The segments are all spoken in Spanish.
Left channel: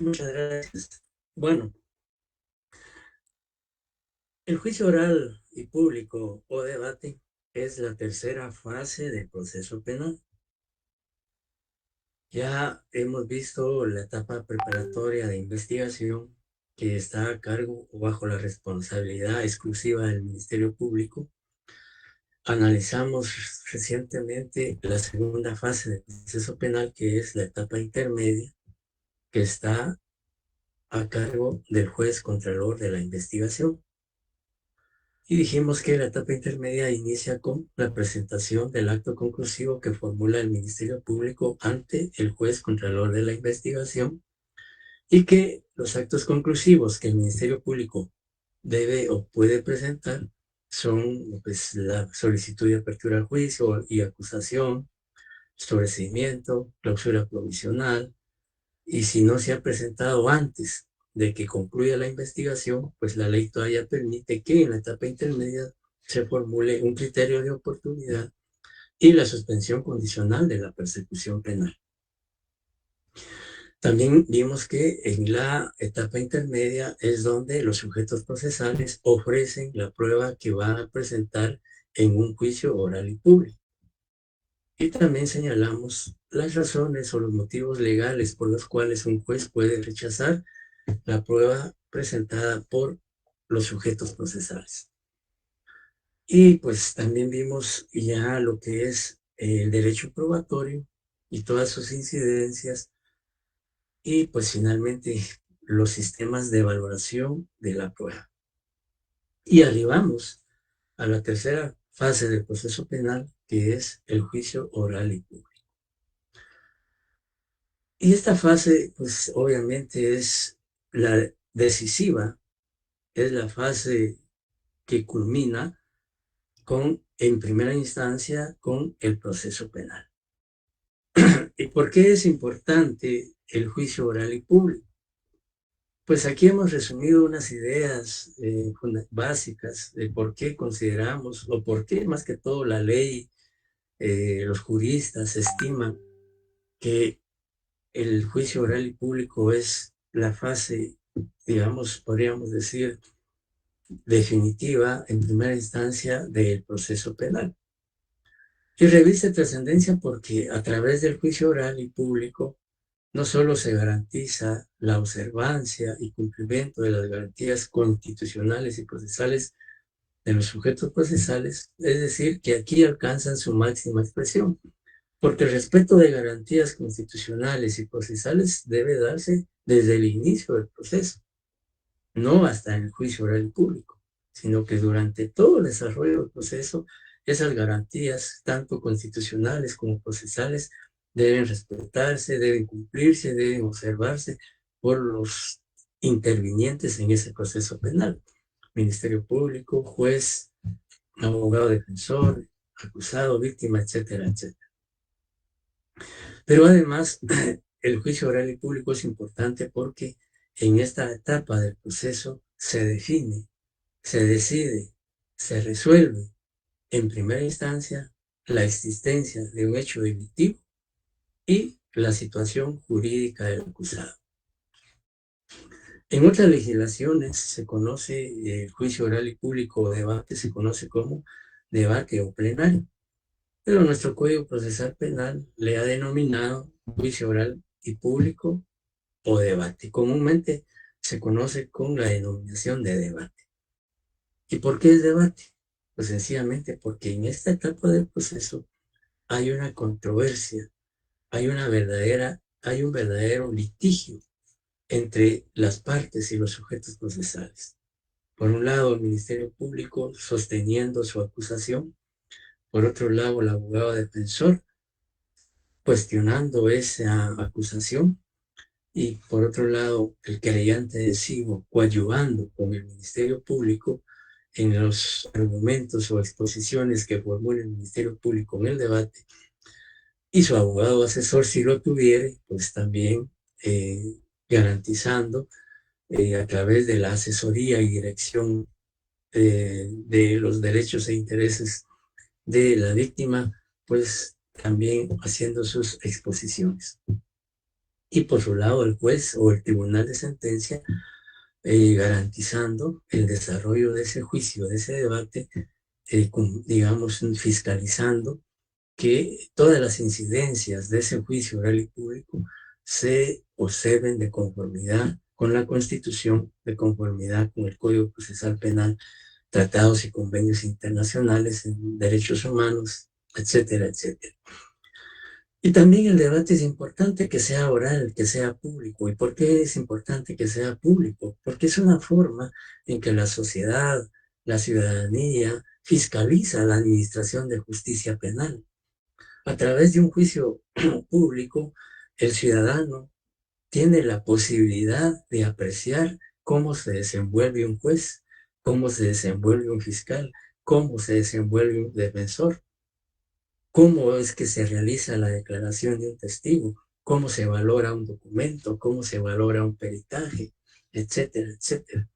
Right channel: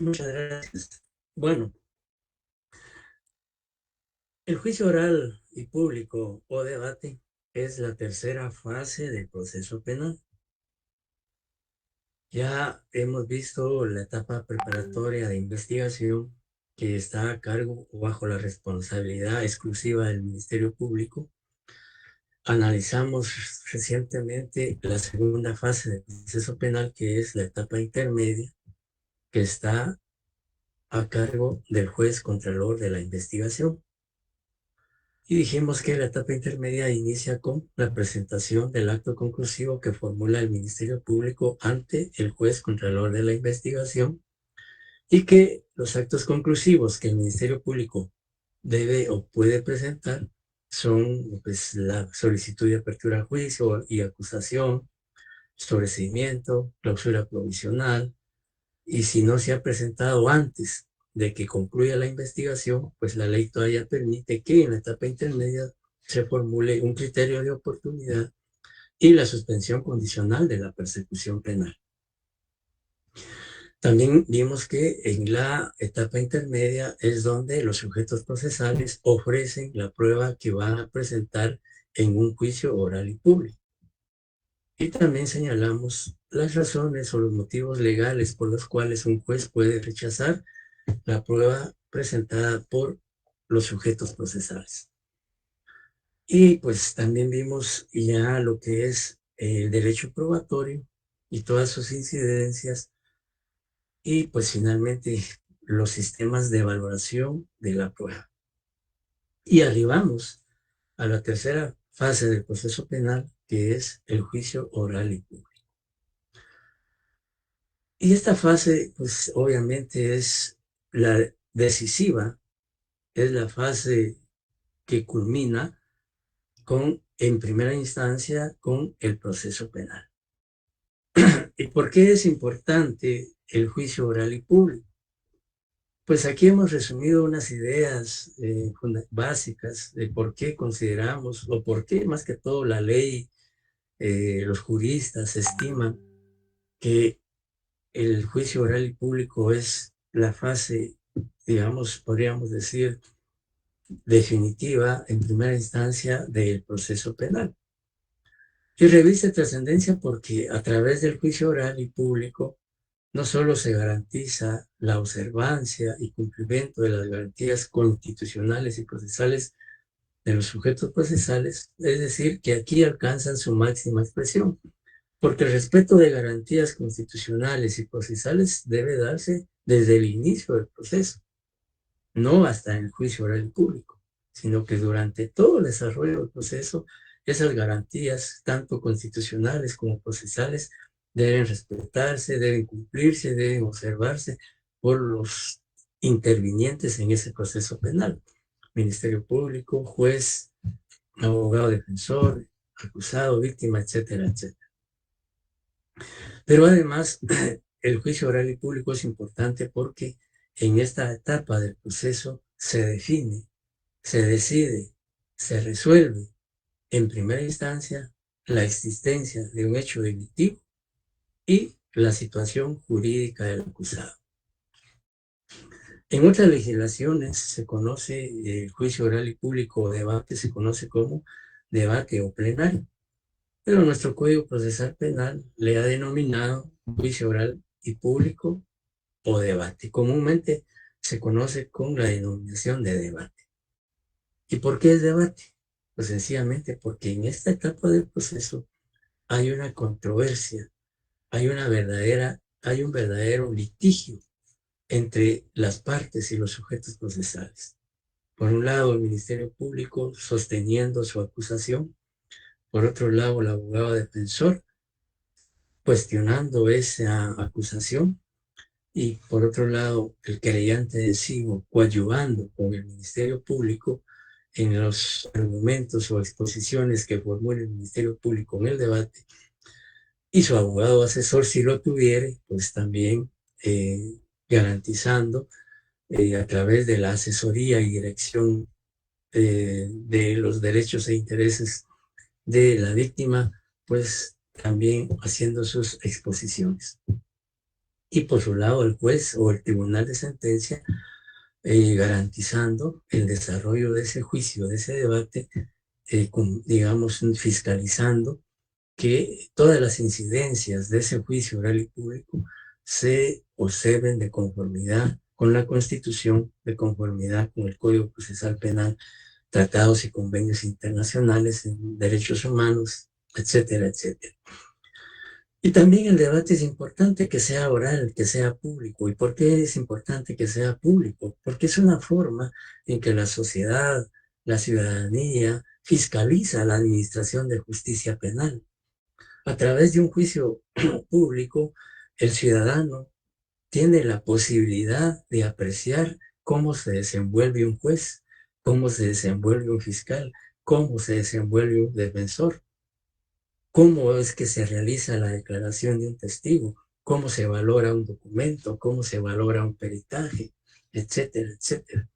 Muchas gracias. Bueno, el juicio oral y público o debate es la tercera fase del proceso penal. Ya hemos visto la etapa preparatoria de investigación que está a cargo o bajo la responsabilidad exclusiva del Ministerio Público. Analizamos recientemente la segunda fase del proceso penal, que es la etapa intermedia, que está a cargo del juez contralor de la investigación. Y dijimos que la etapa intermedia inicia con la presentación del acto conclusivo que formula el Ministerio Público ante el juez contralor de la investigación, y que los actos conclusivos que el Ministerio Público debe o puede presentar son, pues, la solicitud de apertura al juicio y acusación, sobreseimiento, clausura provisional, y si no se ha presentado antes de que concluya la investigación, pues la ley todavía permite que en la etapa intermedia se formule un criterio de oportunidad y la suspensión condicional de la persecución penal. También vimos que en la etapa intermedia es donde los sujetos procesales ofrecen la prueba que van a presentar en un juicio oral y público. Y también señalamos las razones o los motivos legales por los cuales un juez puede rechazar la prueba presentada por los sujetos procesales. Y pues también vimos ya lo que es el derecho probatorio y todas sus incidencias, y pues finalmente los sistemas de valoración de la prueba. Y arribamos a la tercera fase del proceso penal, que es el juicio oral y público. Y esta fase, pues obviamente es la decisiva, es la fase que culmina en primera instancia, con el proceso penal. ¿Y por qué es importante el juicio oral y público? Pues aquí hemos resumido unas ideas básicas de por qué consideramos, o por qué más que todo la ley, los juristas estiman que el juicio oral y público es la fase, digamos, podríamos decir, definitiva en primera instancia del proceso penal. Y reviste trascendencia porque a través del juicio oral y público no solo se garantiza la observancia y cumplimiento de las garantías constitucionales y procesales de los sujetos procesales, es decir, que aquí alcanzan su máxima expresión, porque el respeto de garantías constitucionales y procesales debe darse desde el inicio del proceso, no hasta el juicio oral y público, sino que durante todo el desarrollo del proceso, esas garantías, tanto constitucionales como procesales, deben respetarse, deben cumplirse, deben observarse por los intervinientes en ese proceso penal: Ministerio Público, juez, abogado defensor, acusado, víctima, etcétera, etcétera. Pero además, el juicio oral y público es importante porque en esta etapa del proceso se define, se decide, se resuelve en primera instancia la existencia de un hecho delictivo y la situación jurídica del acusado. En otras legislaciones se conoce el juicio oral y público o debate, se conoce como debate o plenario, pero nuestro Código Procesal Penal le ha denominado juicio oral y público o debate. Comúnmente se conoce con la denominación de debate. ¿Y por qué es debate? Pues sencillamente porque en esta etapa del proceso hay una controversia, hay un verdadero litigio entre las partes y los sujetos procesales. Por un lado, el Ministerio Público sosteniendo su acusación; por otro lado, el abogado defensor cuestionando esa acusación; y por otro lado, el querellante de SIGO coadyuvando con el Ministerio Público en los argumentos o exposiciones que formule el Ministerio Público en el debate, y su abogado asesor, si lo tuviere, pues también garantizando a través de la asesoría y dirección de los derechos e intereses de la víctima, pues también haciendo sus exposiciones. y por su lado el juez o el tribunal de sentencia garantizando el desarrollo de ese juicio, de ese debate, digamos, fiscalizando que todas las incidencias de ese juicio oral y público se observen de conformidad con la Constitución, de conformidad con el Código Procesal Penal, tratados y convenios internacionales en derechos humanos, etcétera, etcétera. Y también el debate es importante que sea oral, que sea público. ¿Y por qué es importante que sea público? Porque es una forma en que la sociedad, la ciudadanía, fiscaliza la administración de justicia penal. A través de un juicio público, el ciudadano tiene la posibilidad de apreciar cómo se desenvuelve un juez, cómo se desenvuelve un fiscal, cómo se desenvuelve un defensor, cómo es que se realiza la declaración de un testigo, cómo se valora un documento, cómo se valora un peritaje, etcétera, etcétera.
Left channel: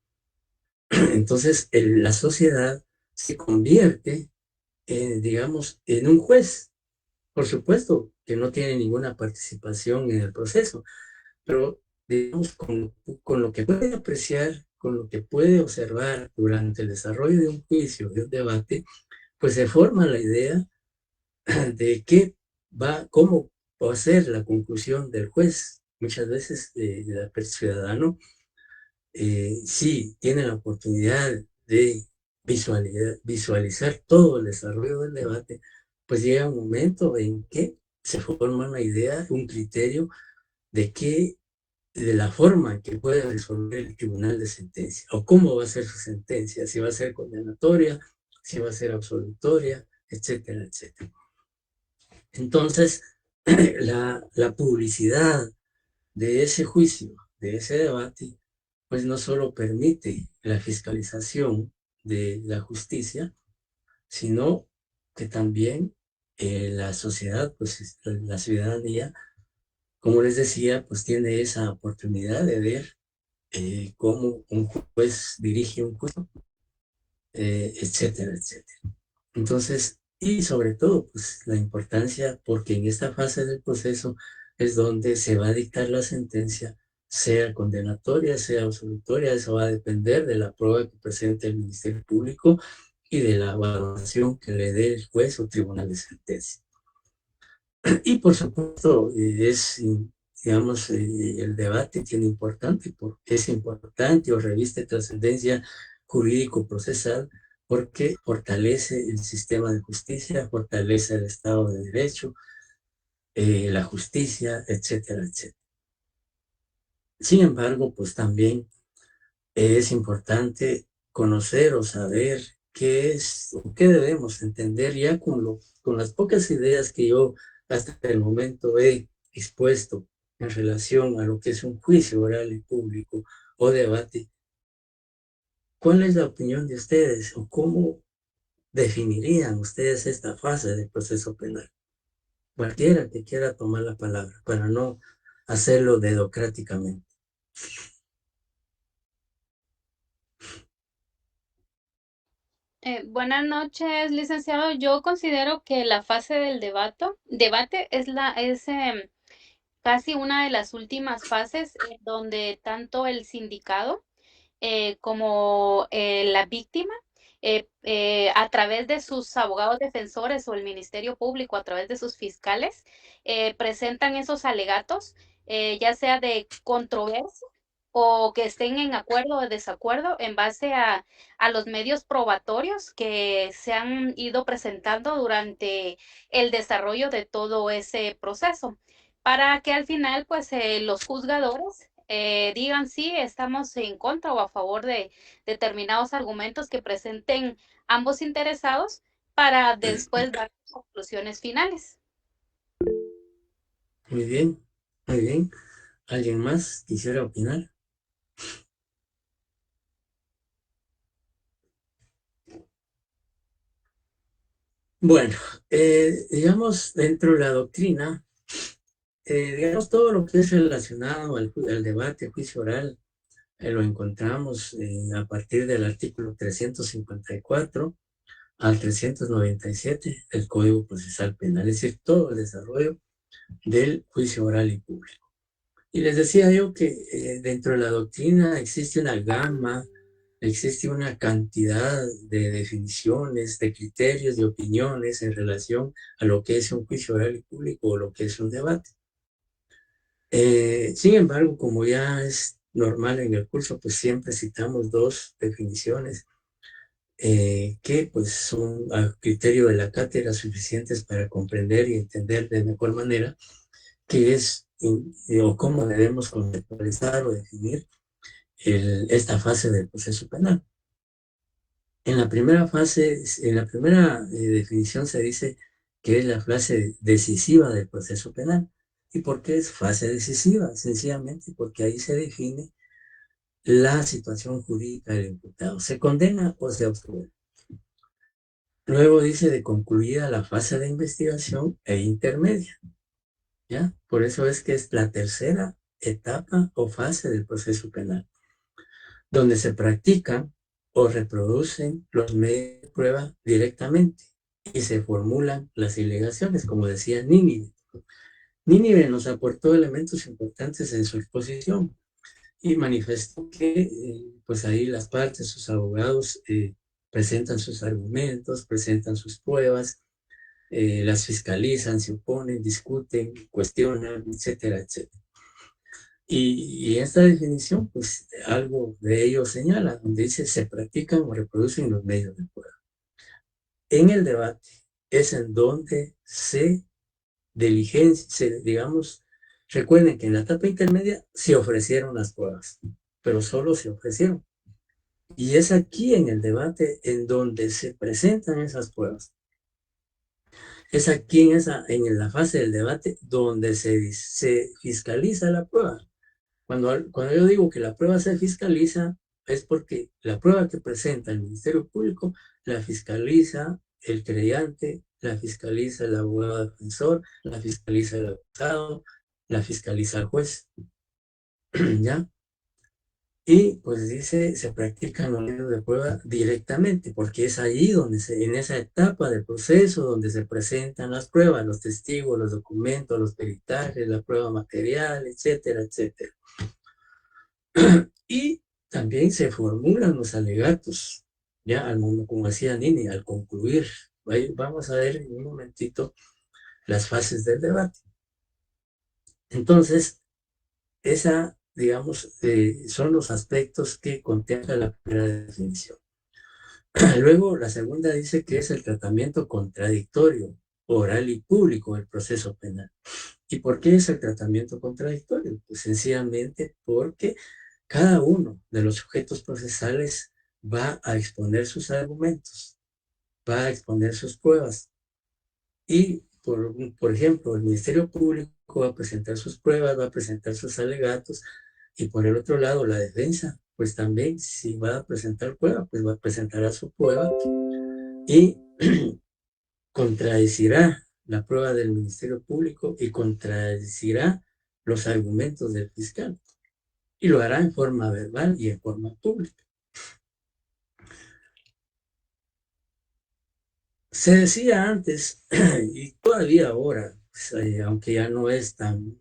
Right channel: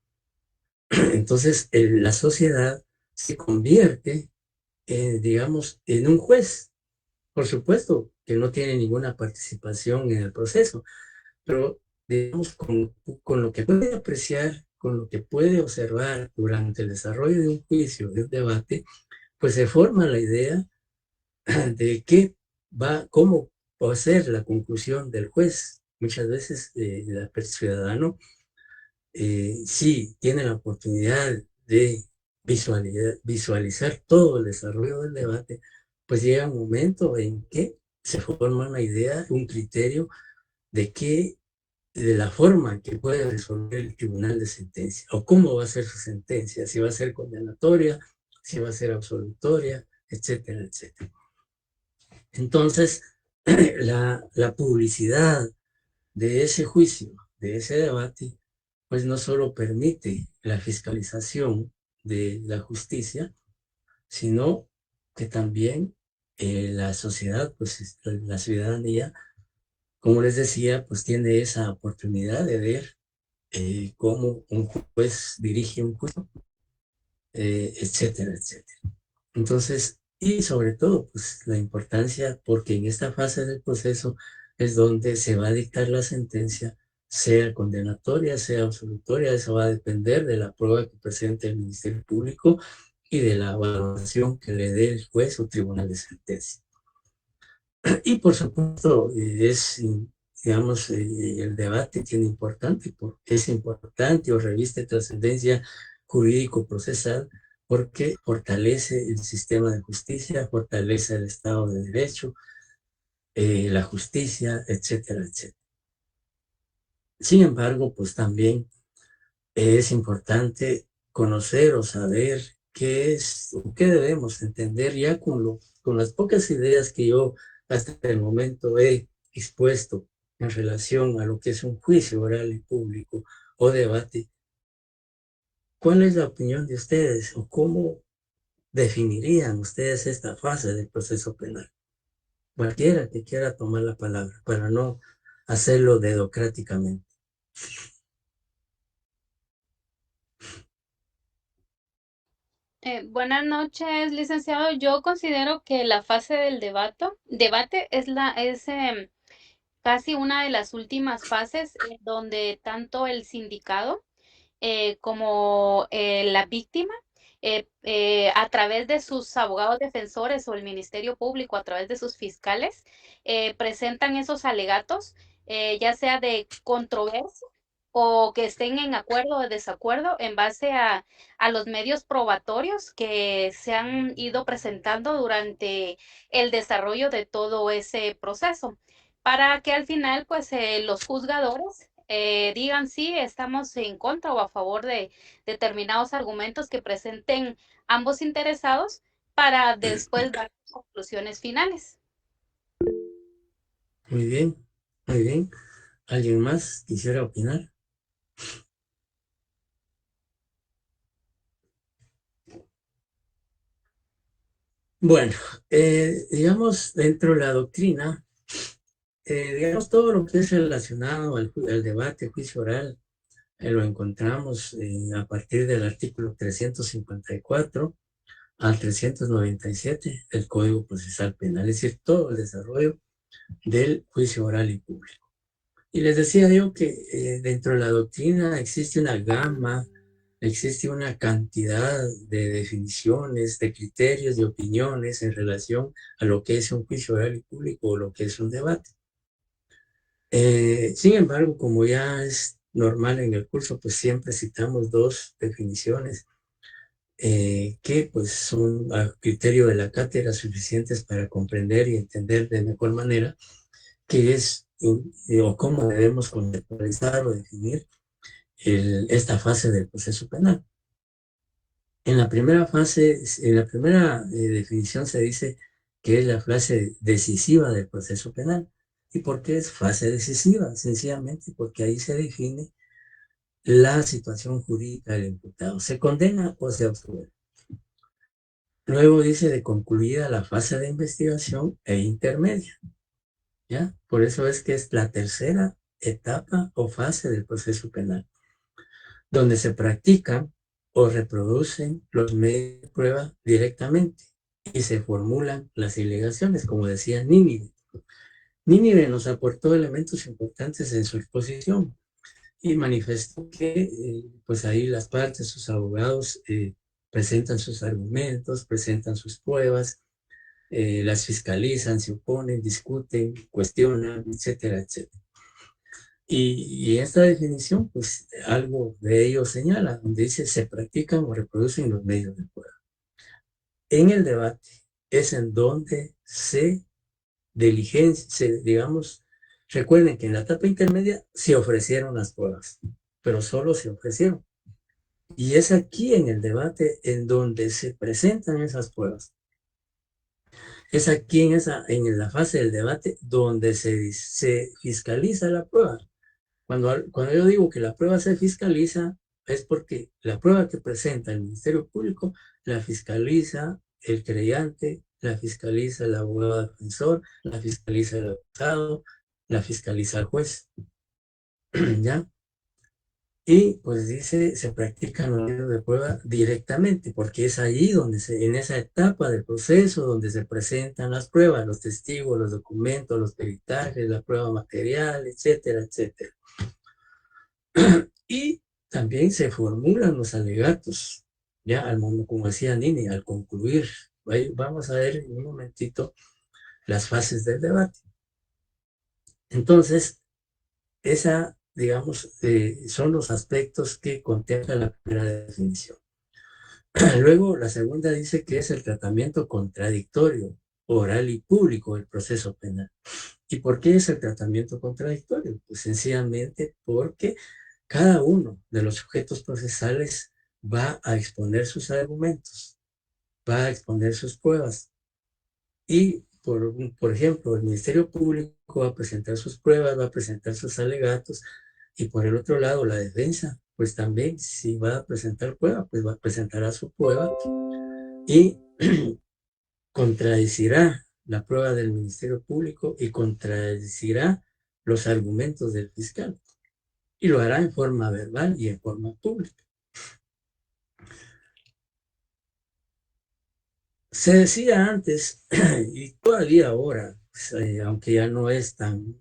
Entonces, la sociedad se convierte, digamos, en un juez. Por supuesto que no tiene ninguna participación en el proceso, pero digamos, con lo que puede apreciar, con lo que puede observar durante el desarrollo de un juicio, de un debate, pues se forma la idea de qué va, cómo va a ser la conclusión del juez. Muchas veces el ciudadano sí tiene la oportunidad de visualizar todo el desarrollo del debate, pues llega un momento en que se forma una idea, un criterio de qué de la forma en que puede resolver el tribunal de sentencia o cómo va a ser su sentencia, si va a ser condenatoria, si va a ser absolutoria, etcétera, etcétera. Entonces, la publicidad de ese juicio, de ese debate, pues no solo permite la fiscalización de la justicia, sino que también la sociedad, pues la ciudadanía, como les decía, pues tiene esa oportunidad de ver cómo un juez dirige un juicio, etcétera, etcétera. Entonces, y sobre todo, pues la importancia, porque en esta fase del proceso es donde se va a dictar la sentencia, sea condenatoria, sea absolutoria, eso va a depender de la prueba que presente el Ministerio Público y de la valoración que le dé el juez o tribunal de sentencia. Y por supuesto, digamos, el debate tiene importante, porque es importante o reviste trascendencia jurídico-procesal, porque fortalece el sistema de justicia, fortalece el Estado de Derecho, la justicia, etcétera, etcétera. Sin embargo, pues también es importante conocer o saber qué es o qué debemos entender ya con las pocas ideas que yo hasta el momento he expuesto en relación a lo que es un juicio oral y público o debate. ¿Cuál es la opinión de ustedes o cómo definirían ustedes esta fase del proceso penal? Cualquiera que quiera tomar la palabra para no hacerlo dedocráticamente. Buenas noches, licenciado. Yo considero que la fase del debate es casi una de las últimas fases en donde tanto el sindicado como la víctima, a través de sus abogados defensores o el Ministerio Público, a través de sus fiscales, presentan esos alegatos, ya sea de controversia o que estén en acuerdo o desacuerdo en base a los medios probatorios que se han ido presentando durante el desarrollo de todo ese proceso, para que al final, pues, los juzgadores digan si estamos en contra o a favor de determinados argumentos que presenten ambos interesados para después dar conclusiones finales. Muy bien, muy bien. ¿Alguien más quisiera opinar? Bueno, digamos, dentro de la doctrina, digamos, todo lo que es relacionado al debate, juicio oral, lo encontramos a partir del artículo 354 al 397 del Código Procesal Penal, es decir, todo el desarrollo del juicio oral y público. Y les decía yo que dentro de la doctrina existe una gama, existe una cantidad de definiciones, de criterios, de opiniones en relación a lo que es un juicio oral y público o lo que es un debate. Sin embargo, como ya es normal en el curso, pues siempre citamos dos definiciones que pues son a criterio de la cátedra suficientes para comprender y entender de mejor manera qué es o cómo debemos conceptualizar o definir esta fase del proceso penal. En la primera fase, en la primera definición se dice que es la fase decisiva del proceso penal. ¿Y por qué es fase decisiva? Sencillamente porque ahí se define la situación jurídica del imputado. ¿Se condena o se absuelve? Luego dice de concluida la fase de investigación e intermedia, ¿ya? Por eso es que es la tercera etapa o fase del proceso penal, donde se practican o reproducen los medios de prueba directamente y se formulan las alegaciones, como decía Nínive. Nínive nos aportó elementos importantes en su exposición y manifestó que pues ahí las partes, sus abogados, presentan sus argumentos, presentan sus pruebas, las fiscalizan, se oponen, discuten, cuestionan, etcétera, etcétera. Y esta definición, pues algo de ello señala, donde dice se practican o reproducen los medios de prueba. En el debate es en donde se diligencia, digamos, recuerden que en la etapa intermedia se ofrecieron las pruebas, pero solo se ofrecieron. Y es aquí en el debate en donde se presentan esas pruebas. Es aquí en la fase del debate donde se fiscaliza la prueba. Cuando yo digo que la prueba se fiscaliza, es porque la prueba que presenta el Ministerio Público la fiscaliza el creyente, la fiscaliza el abogado defensor, la fiscaliza el acusado, la fiscaliza el juez. ¿Ya? Y pues dice, se practican los medios de prueba directamente, porque es allí donde en esa etapa del proceso, donde se presentan las pruebas, los testigos, los documentos, los peritajes, la prueba material, etcétera, etcétera. Y también se formulan los alegatos, ya al momento, como decía Nini, al concluir. Vamos a ver en un momentito las fases del debate. Entonces, esa, digamos, son los aspectos que contempla la primera definición. Luego, la segunda dice que es el tratamiento contradictorio, oral y público del proceso penal. ¿Y por qué es el tratamiento contradictorio? Pues sencillamente porque cada uno de los sujetos procesales va a exponer sus argumentos, va a exponer sus pruebas. Y, por ejemplo, el Ministerio Público va a presentar sus pruebas, va a presentar sus alegatos, y por el otro lado, la defensa, pues también, si va a presentar prueba, pues va a presentar su prueba y contradecirá la prueba del Ministerio Público y contradecirá los argumentos del fiscal. Y lo hará en forma verbal y en forma pública. Se decía antes, y todavía ahora, pues, aunque ya no es tan,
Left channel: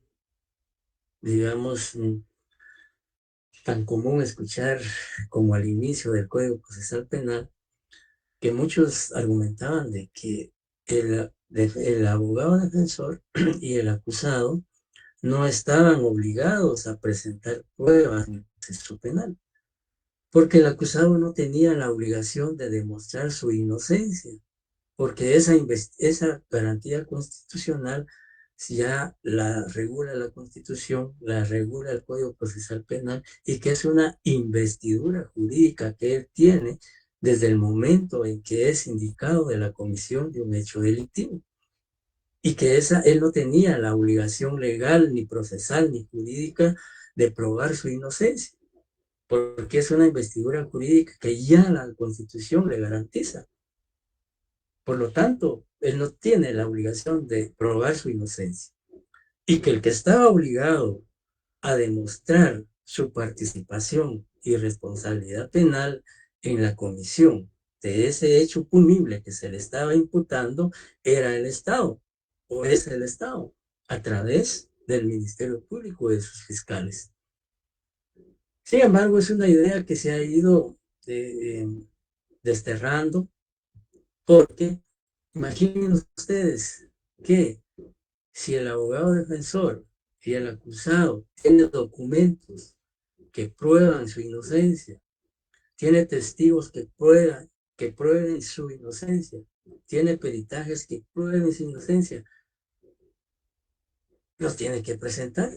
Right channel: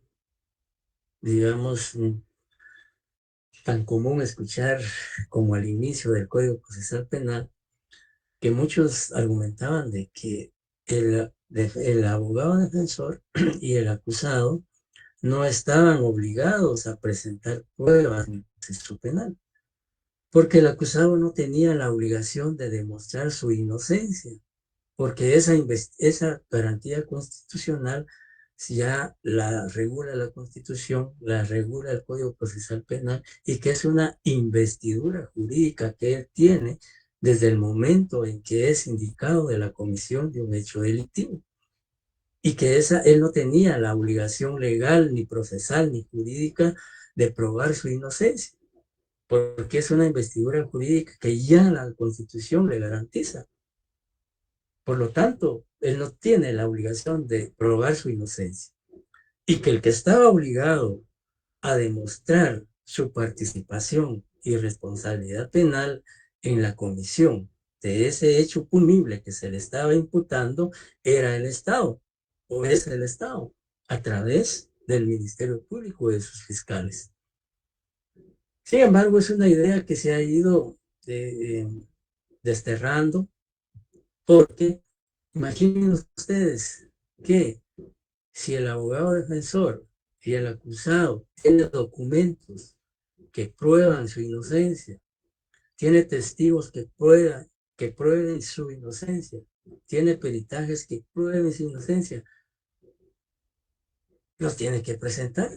digamos, tan común escuchar como al inicio del Código Procesal Penal, que muchos argumentaban de que el abogado defensor y el acusado no estaban obligados a presentar pruebas en el proceso penal, porque el acusado no tenía la obligación de demostrar su inocencia, porque esa garantía constitucional ya la regula la Constitución, la regula el Código Procesal Penal, y que es una investidura jurídica que él tiene desde el momento en que es indicado de la comisión de un hecho delictivo. Y que él no tenía la obligación legal, ni procesal, ni jurídica de probar su inocencia, porque es una investidura jurídica que ya la Constitución le garantiza. Por lo tanto, él no tiene la obligación de probar su inocencia. Y que el que estaba obligado a demostrar su participación y responsabilidad penal en la comisión de ese hecho punible que se le estaba imputando era el Estado, o es el Estado, a través del Ministerio Público y de sus fiscales. Sin embargo, es una idea que se ha ido desterrando porque imaginen ustedes que si el abogado defensor y el acusado tienen documentos que prueban su inocencia, tiene testigos que prueben su inocencia, tiene peritajes que prueben su inocencia, los tiene que presentar,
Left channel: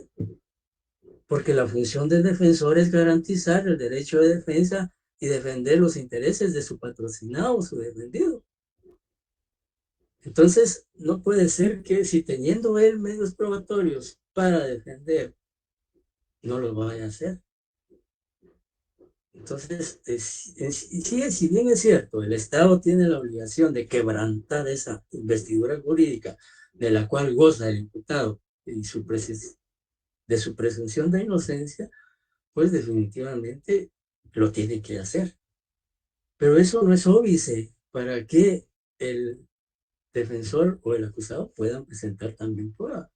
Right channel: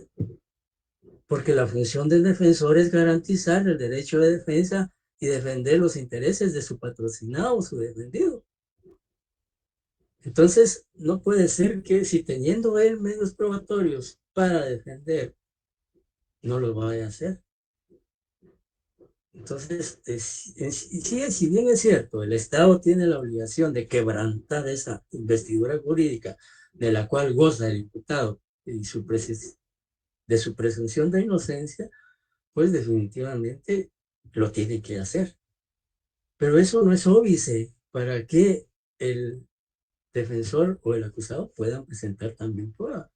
porque la función del defensor es garantizar el derecho de defensa y defender los intereses de su patrocinado o su defendido. Entonces, no puede ser que si teniendo él medios probatorios para defender, no lo vaya a hacer. Entonces, si bien es cierto, el Estado tiene la obligación de quebrantar esa investidura jurídica de la cual goza el imputado y de su presunción de inocencia, pues definitivamente lo tiene que hacer. Pero eso no es óbice para que el defensor o el acusado puedan presentar también pruebas.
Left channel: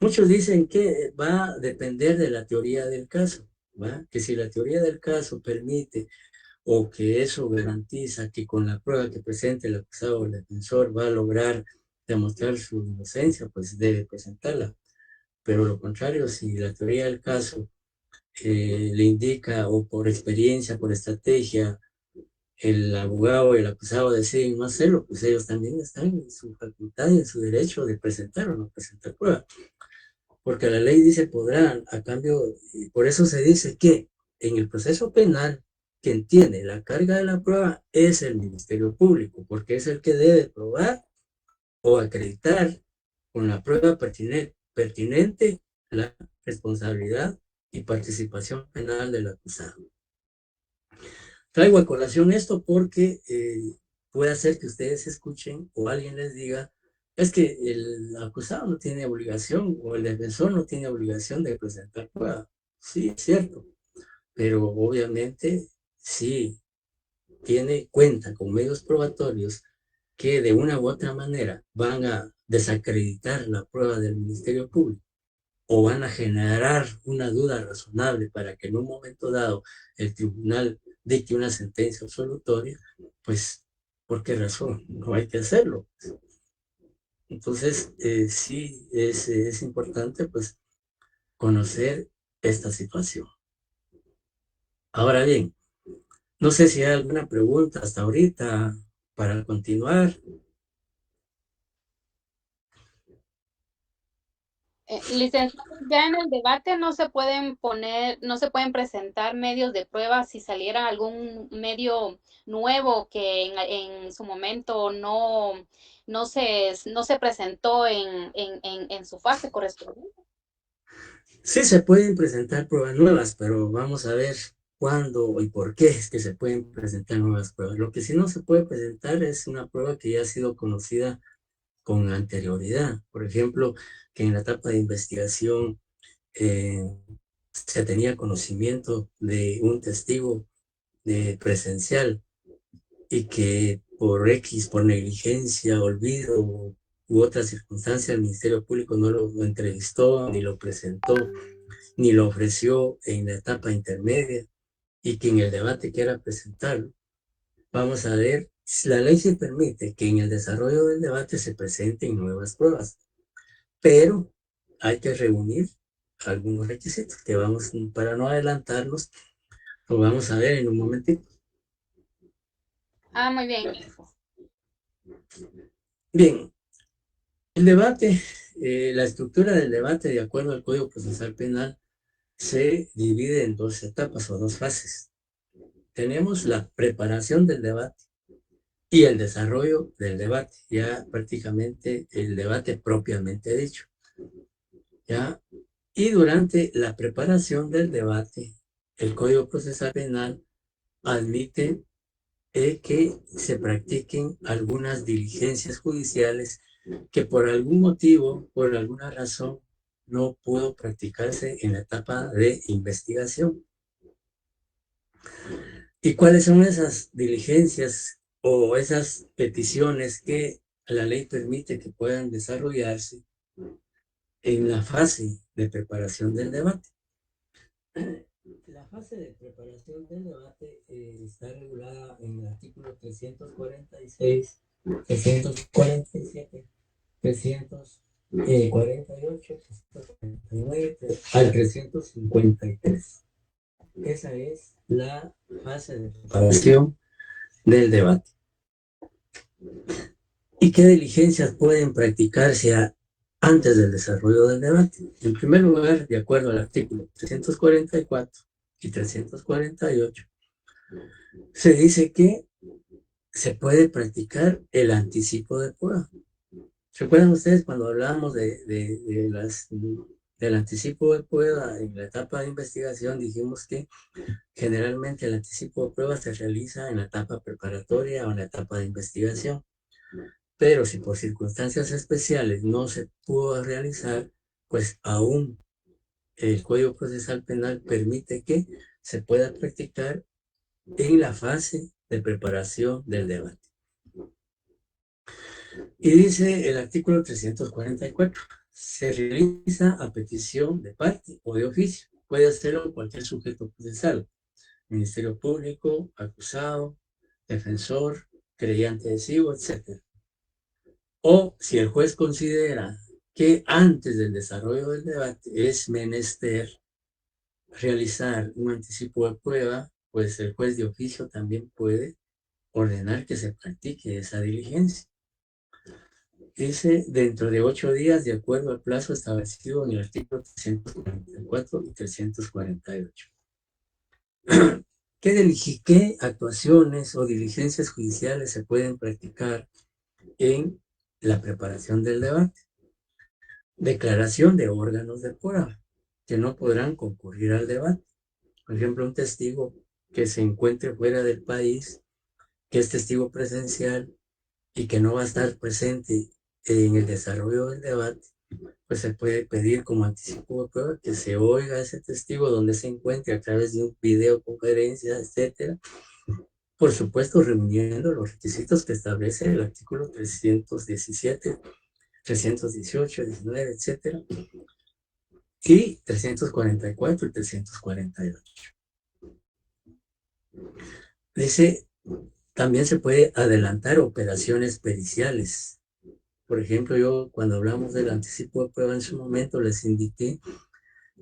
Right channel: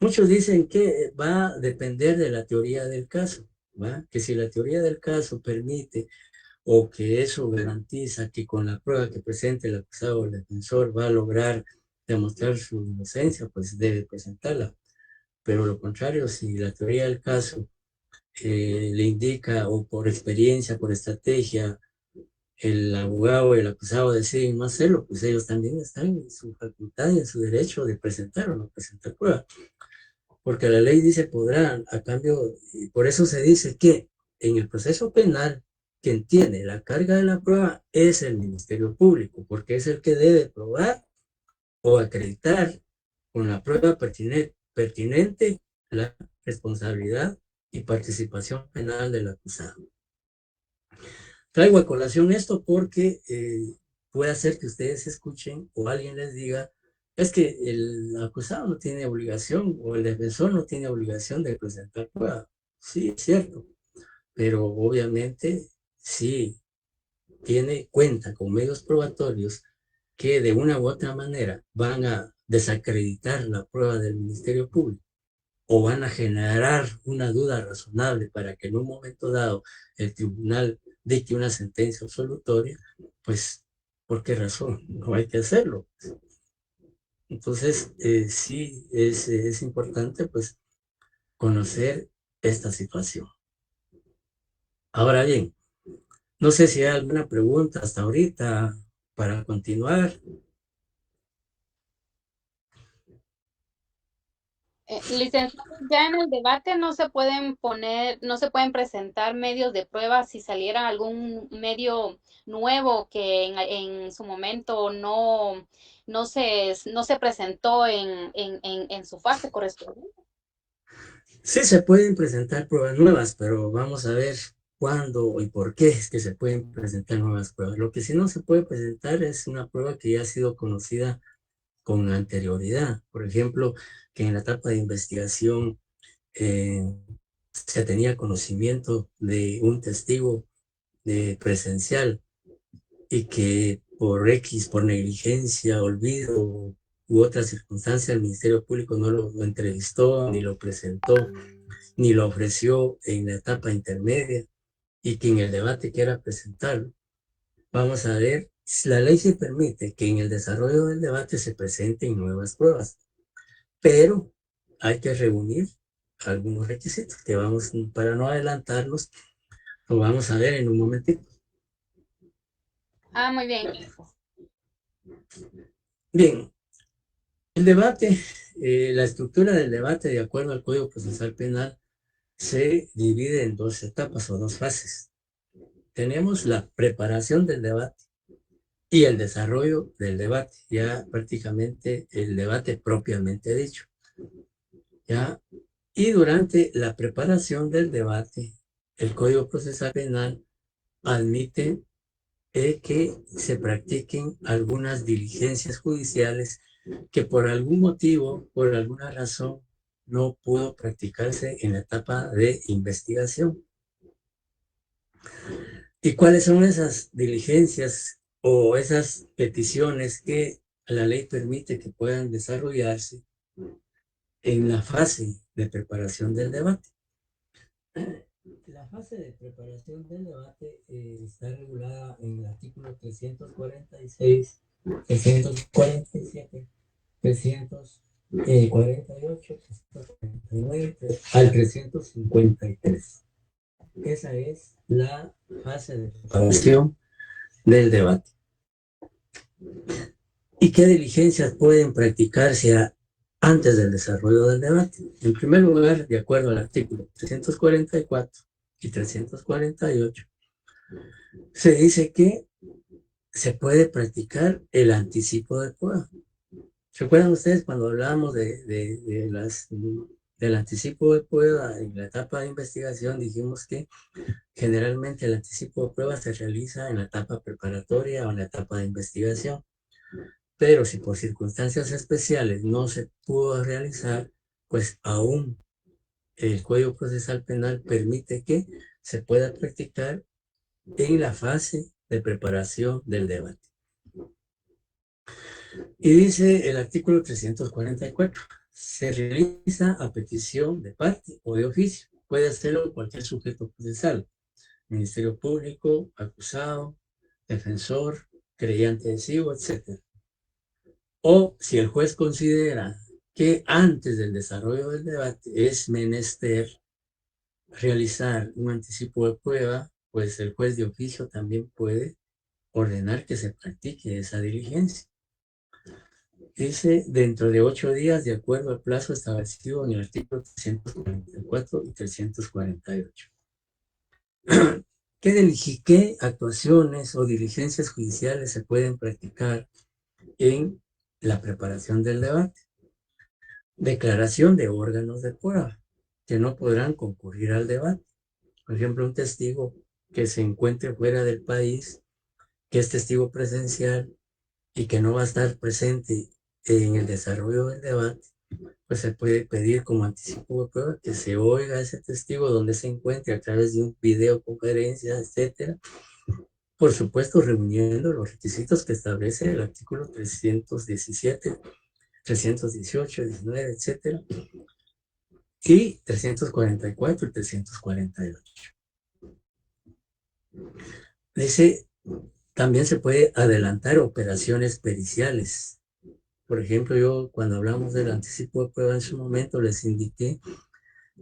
Muchos dicen que va a depender de la teoría del caso, ¿va? Que si la teoría del caso permite o que eso garantiza que con la prueba que presente el acusado o el defensor va a lograr demostrar su inocencia, pues debe presentarla. Pero lo contrario, si la teoría del caso le indica o por experiencia, por estrategia, el abogado o el acusado deciden no hacerlo, pues ellos también están en su facultad y en su derecho de presentar o no presentar prueba. Porque la ley dice podrán, a cambio, y por eso se dice que en el proceso penal, quien tiene la carga de la prueba es el Ministerio Público, porque es el que debe probar o acreditar con la prueba pertinente la responsabilidad y participación penal del acusado. Traigo a colación esto porque puede hacer que ustedes escuchen o alguien les diga, es que el acusado no tiene obligación o el defensor no tiene obligación de presentar prueba. Sí, es cierto, pero obviamente sí cuenta con medios probatorios que de una u otra manera van a desacreditar la prueba del Ministerio Público o van a generar una duda razonable para que en un momento dado el tribunal dicte una sentencia absolutoria, pues, ¿por qué razón? No hay que hacerlo. Entonces, sí es importante, pues, conocer esta situación. Ahora bien, no sé si hay alguna pregunta hasta ahorita para continuar. Licenciado, ya en el debate no se pueden poner, no se pueden presentar medios de prueba si saliera algún medio nuevo que en su momento no se presentó en su fase correspondiente. Sí se pueden presentar pruebas nuevas, pero vamos a ver cuándo y por qué es que se pueden presentar nuevas pruebas. Lo que sí no se puede presentar es una prueba que ya ha sido conocida con anterioridad. Por ejemplo, que en la etapa de investigación se tenía conocimiento de un testigo presencial y que por X, por negligencia, olvido u otra circunstancia, el Ministerio Público no lo entrevistó, ni lo presentó, ni lo ofreció en la etapa intermedia y que en el debate quiera presentarlo. Vamos a ver, la ley se permite que en el desarrollo del debate se presenten nuevas pruebas, pero hay que reunir algunos requisitos que vamos, para no adelantarlos, lo vamos a ver en un momentito. Ah, muy bien, gracias. Bien, el debate, la estructura del debate de acuerdo al Código Procesal Penal se divide en dos etapas o dos fases. Tenemos la preparación del debate y el desarrollo del debate, ya prácticamente el debate propiamente dicho. ¿Ya? Y durante la preparación del debate, el Código Procesal Penal admite que se practiquen algunas diligencias judiciales que por algún motivo, por alguna razón, no pudo practicarse en la etapa de investigación. ¿Y cuáles son esas diligencias o esas peticiones que la ley permite que puedan desarrollarse? en la fase de preparación del debate. La fase de preparación del debate está regulada en el artículo 346, 347, 348, 349 al 353. Esa es la fase de preparación del debate. ¿Y qué diligencias pueden practicarse antes del desarrollo del debate? En primer lugar, de acuerdo al artículo 344 y 348, se dice que se puede practicar el anticipo de prueba. ¿Recuerdan ustedes cuando hablábamos del anticipo de prueba en la etapa de investigación? Dijimos que generalmente el anticipo de prueba se realiza en la etapa preparatoria o en la etapa de investigación. Pero si por circunstancias especiales no se pudo realizar, pues aún el Código Procesal Penal permite que se pueda practicar en la fase de preparación del debate. Y dice el artículo 344, se realiza a petición de parte o de oficio. Puede hacerlo cualquier sujeto procesal, Ministerio Público, acusado, defensor, creyente adhesivo, etc. O si el juez considera que antes del desarrollo del debate es menester realizar un anticipo de prueba, pues el juez de oficio también puede ordenar que se practique esa diligencia. Dice dentro de 8 días, de acuerdo al plazo establecido en el artículo 344 y 348. ¿Qué actuaciones o diligencias judiciales se pueden practicar en la preparación del debate? Declaración de órganos de prueba que no podrán concurrir al debate. Por ejemplo, un testigo que se encuentre fuera del país, que es testigo presencial y que no va a estar presente en el desarrollo del debate, pues se puede pedir como anticipo de prueba que se oiga a ese testigo donde se encuentre a través de un videoconferencia, etcétera. Por supuesto, reuniendo los requisitos que establece el artículo 317, 318, 19, etcétera, y 344 y 348. Dice, también se puede adelantar operaciones periciales. Por ejemplo, yo cuando hablamos del anticipo de prueba en su momento les indiqué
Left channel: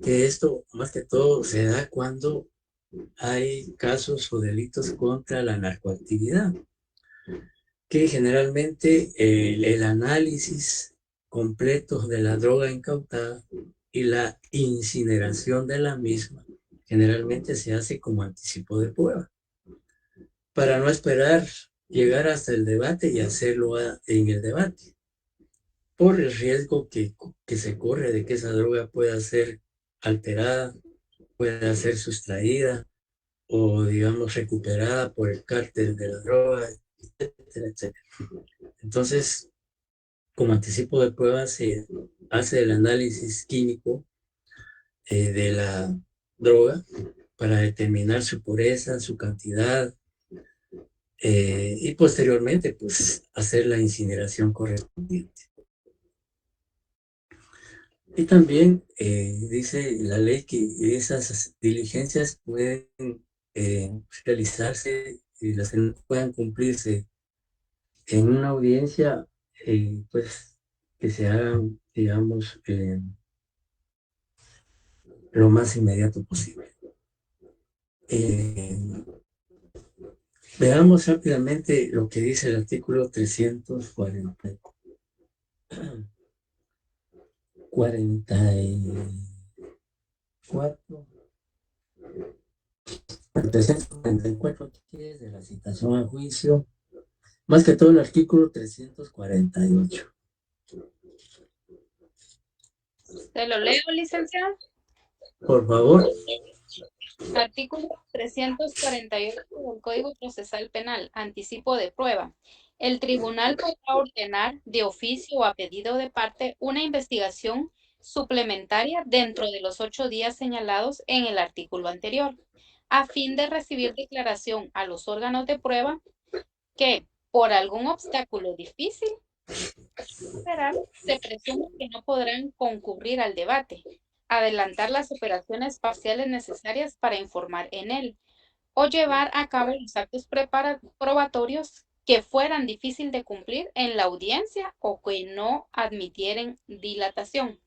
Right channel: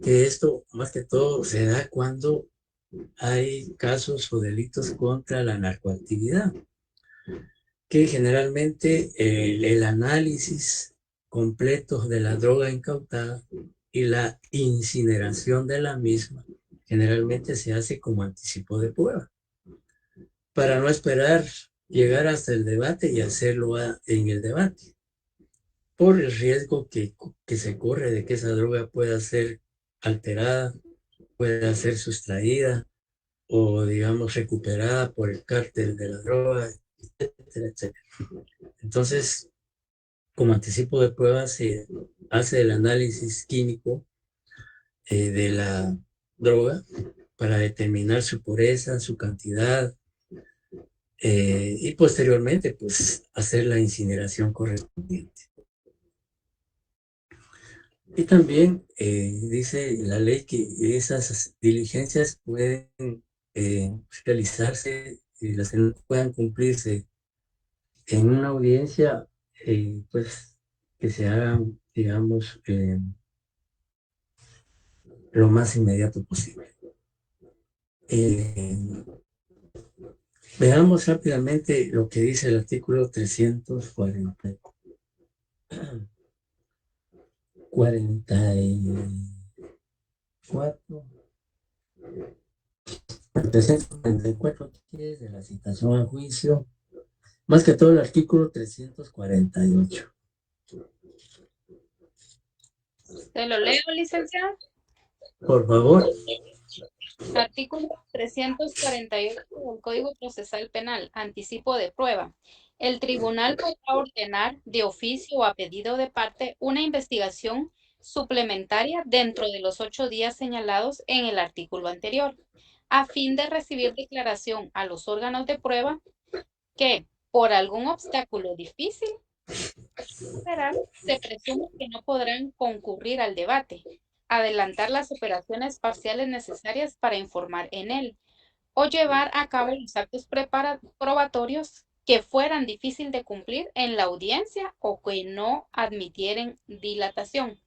que esto más que todo se da cuando hay casos o delitos contra la narcoactividad, que generalmente el análisis completo de la droga incautada y la incineración de la misma generalmente se hace como anticipo de prueba, para no esperar llegar hasta el debate y hacerlo en el debate, por el riesgo que se corre de que esa droga pueda ser alterada, pueda ser sustraída o, digamos, recuperada por el cártel de la droga, etcétera, etcétera. Entonces, como anticipo de prueba, se hace el análisis químico de la droga para determinar su pureza, su cantidad, y posteriormente, pues, hacer la incineración correspondiente. Y también dice la ley que esas diligencias pueden realizarse y las que no puedan cumplirse en una audiencia, pues que se hagan, digamos, lo más inmediato posible. Veamos rápidamente lo que dice el artículo 344. 344 de la citación a juicio, más que todo el artículo 348. ¿Te lo leo, licenciado? Por favor. Artículo 348 del Código Procesal Penal, anticipo de prueba. El tribunal podrá ordenar de oficio o a pedido de parte una investigación suplementaria dentro de los 8 días señalados en el artículo anterior, a fin de recibir declaración a los órganos de prueba que, por algún obstáculo difícil, Federal, se presume que no podrán concurrir al debate, adelantar las operaciones parciales necesarias para informar en él, o llevar a cabo los actos probatorios que fueran difícil de cumplir en la audiencia o que no admitieren dilatación.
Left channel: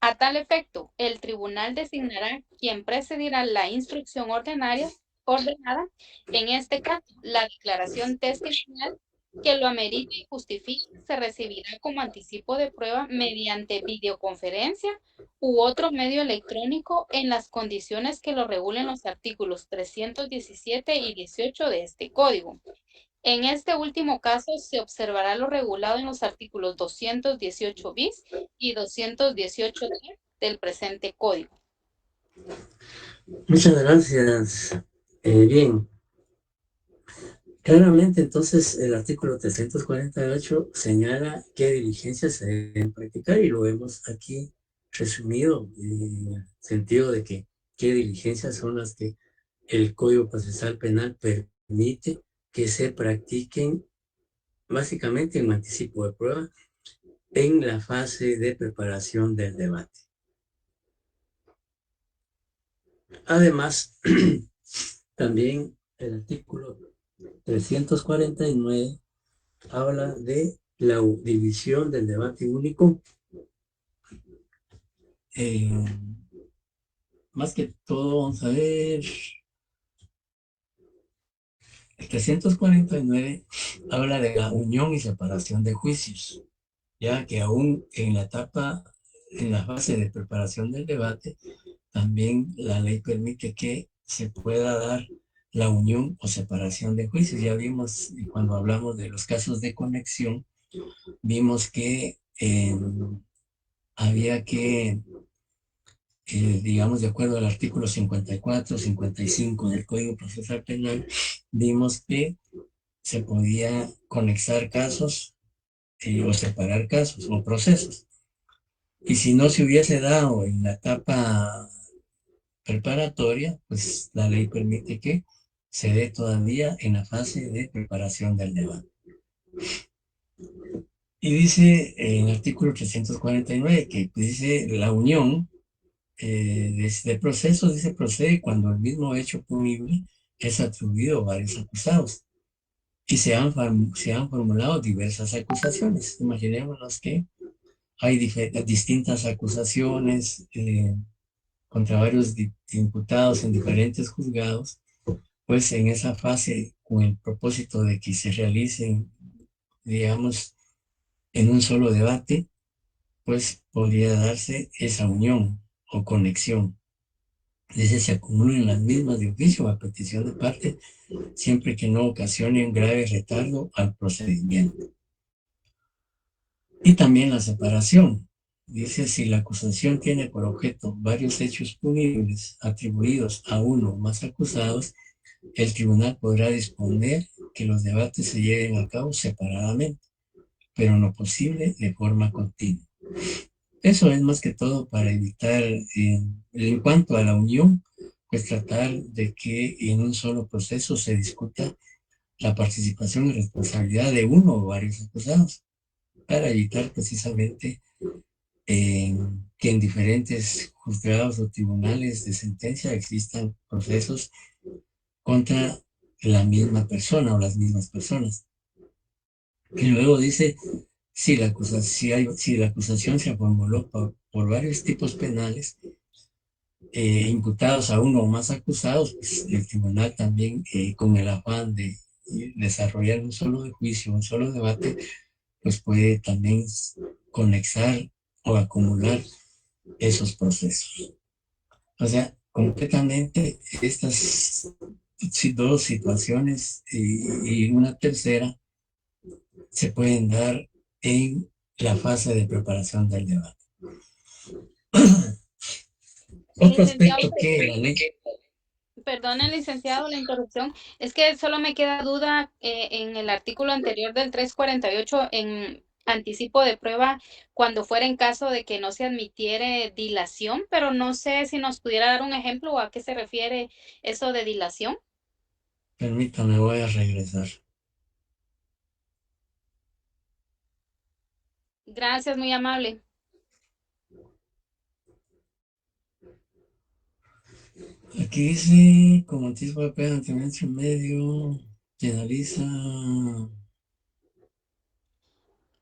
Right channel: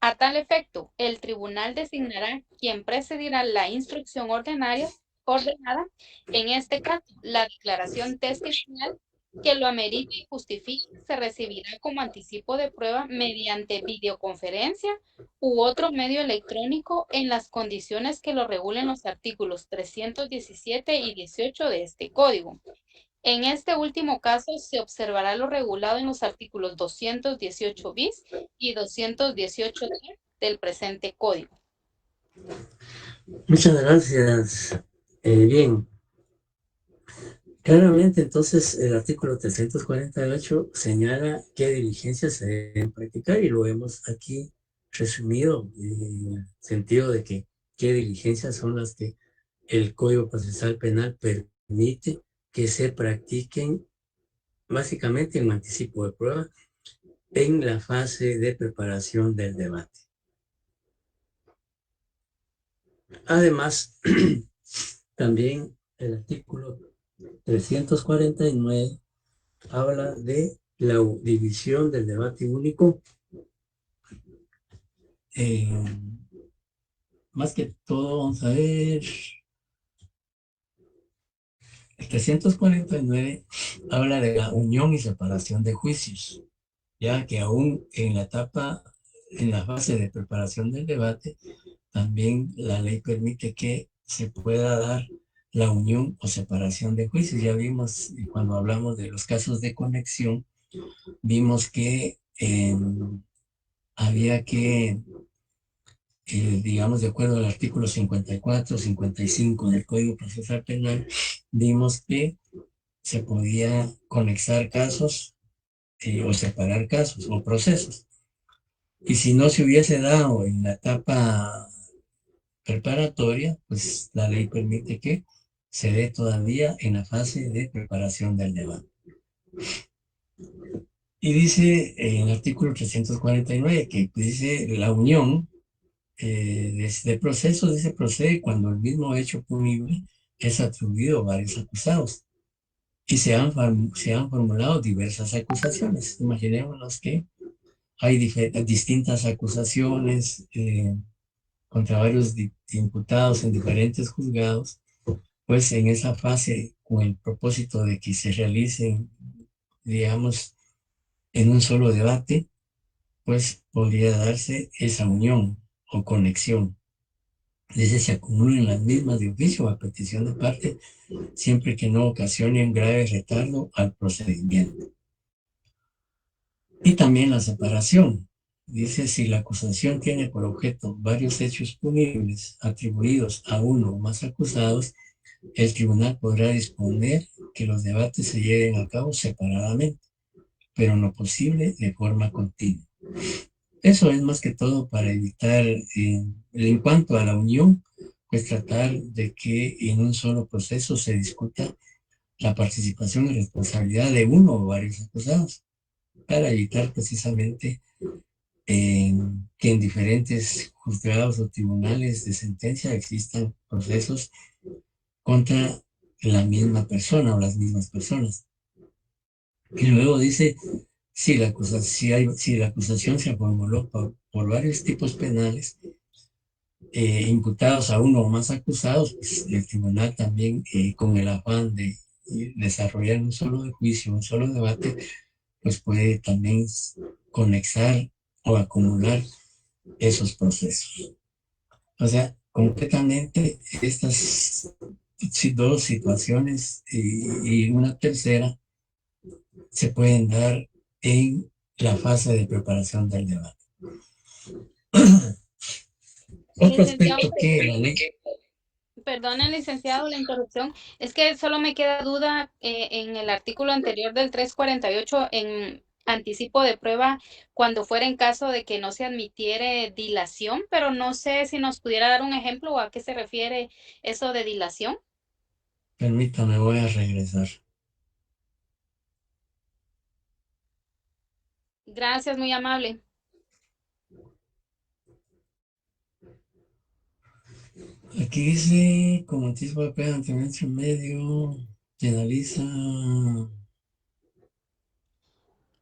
A tal efecto, el tribunal designará quien presidirá la instrucción ordenada, en este caso, la declaración testimonial que lo amerite y justifique se recibirá como anticipo de prueba mediante videoconferencia u otro medio electrónico en las condiciones que lo regulen los artículos 317 y 18 de este código. En este último caso, se observará lo regulado en los artículos 218 bis y 218 del presente código. Muchas gracias. Bien, claramente entonces el artículo 348 señala qué diligencias se deben practicar y lo hemos aquí resumido en el sentido de que qué diligencias son las que el Código Procesal Penal permite que se practiquen básicamente en anticipo de prueba en la fase de preparación del debate. Además, también el artículo 349 habla de la división del debate único. Más que todo, vamos a ver, el 349 habla de la unión y separación de juicios, ya que aún en la etapa, en la fase de preparación del debate, también la ley permite que se pueda dar la unión o separación de juicios. Ya vimos, cuando hablamos de los casos de conexión, vimos que había que, digamos, de acuerdo al artículo 54, 55 del Código Procesal Penal, vimos que se podía conexar casos o separar casos o procesos. Y si no se hubiese dado en la etapa preparatoria, pues la ley permite que se dé todavía en la fase de preparación del debate. Y dice en el artículo 349 que dice la unión de procesos, dice procede cuando el mismo hecho punible es atribuido a varios acusados y se han formulado diversas acusaciones. Imaginémonos que hay distintas acusaciones contra varios imputados en diferentes juzgados, pues en esa fase, con el propósito de que se realicen, digamos, en un solo debate, pues podría darse esa unión o conexión. Dice, se acumulen las mismas de oficio a petición de parte, siempre que no ocasionen grave retardo al procedimiento. Y también la separación. Dice, si la acusación tiene por objeto varios hechos punibles atribuidos a uno o más acusados, el tribunal podrá disponer que los debates se lleven a cabo separadamente, pero no posible de forma continua. Eso es más que todo para evitar, en cuanto a la unión, pues tratar de que en un solo proceso se discuta la participación y responsabilidad de uno o varios acusados, para evitar precisamente que en diferentes juzgados o tribunales de sentencia existan procesos contra la misma persona o las mismas personas. Y luego dice, si la acusación se formuló por varios tipos penales, imputados a uno o más acusados, pues el tribunal también, con el afán de desarrollar un solo juicio, un solo debate, pues puede también conexar o acumular esos procesos. O sea, concretamente estas dos situaciones y una tercera se pueden dar en la fase de preparación del debate. Otro Licenciado, aspecto que la ley... perdone, licenciado, la interrupción. Es que solo me queda duda en el artículo anterior del 348 en anticipo de prueba cuando fuera en caso de que no se admitiere dilación, pero no sé si nos pudiera dar un ejemplo o a qué se refiere eso de dilación. Permítame, voy a regresar. Gracias, muy amable. Aquí dice, como anticipo de pena ante un medio, que analiza,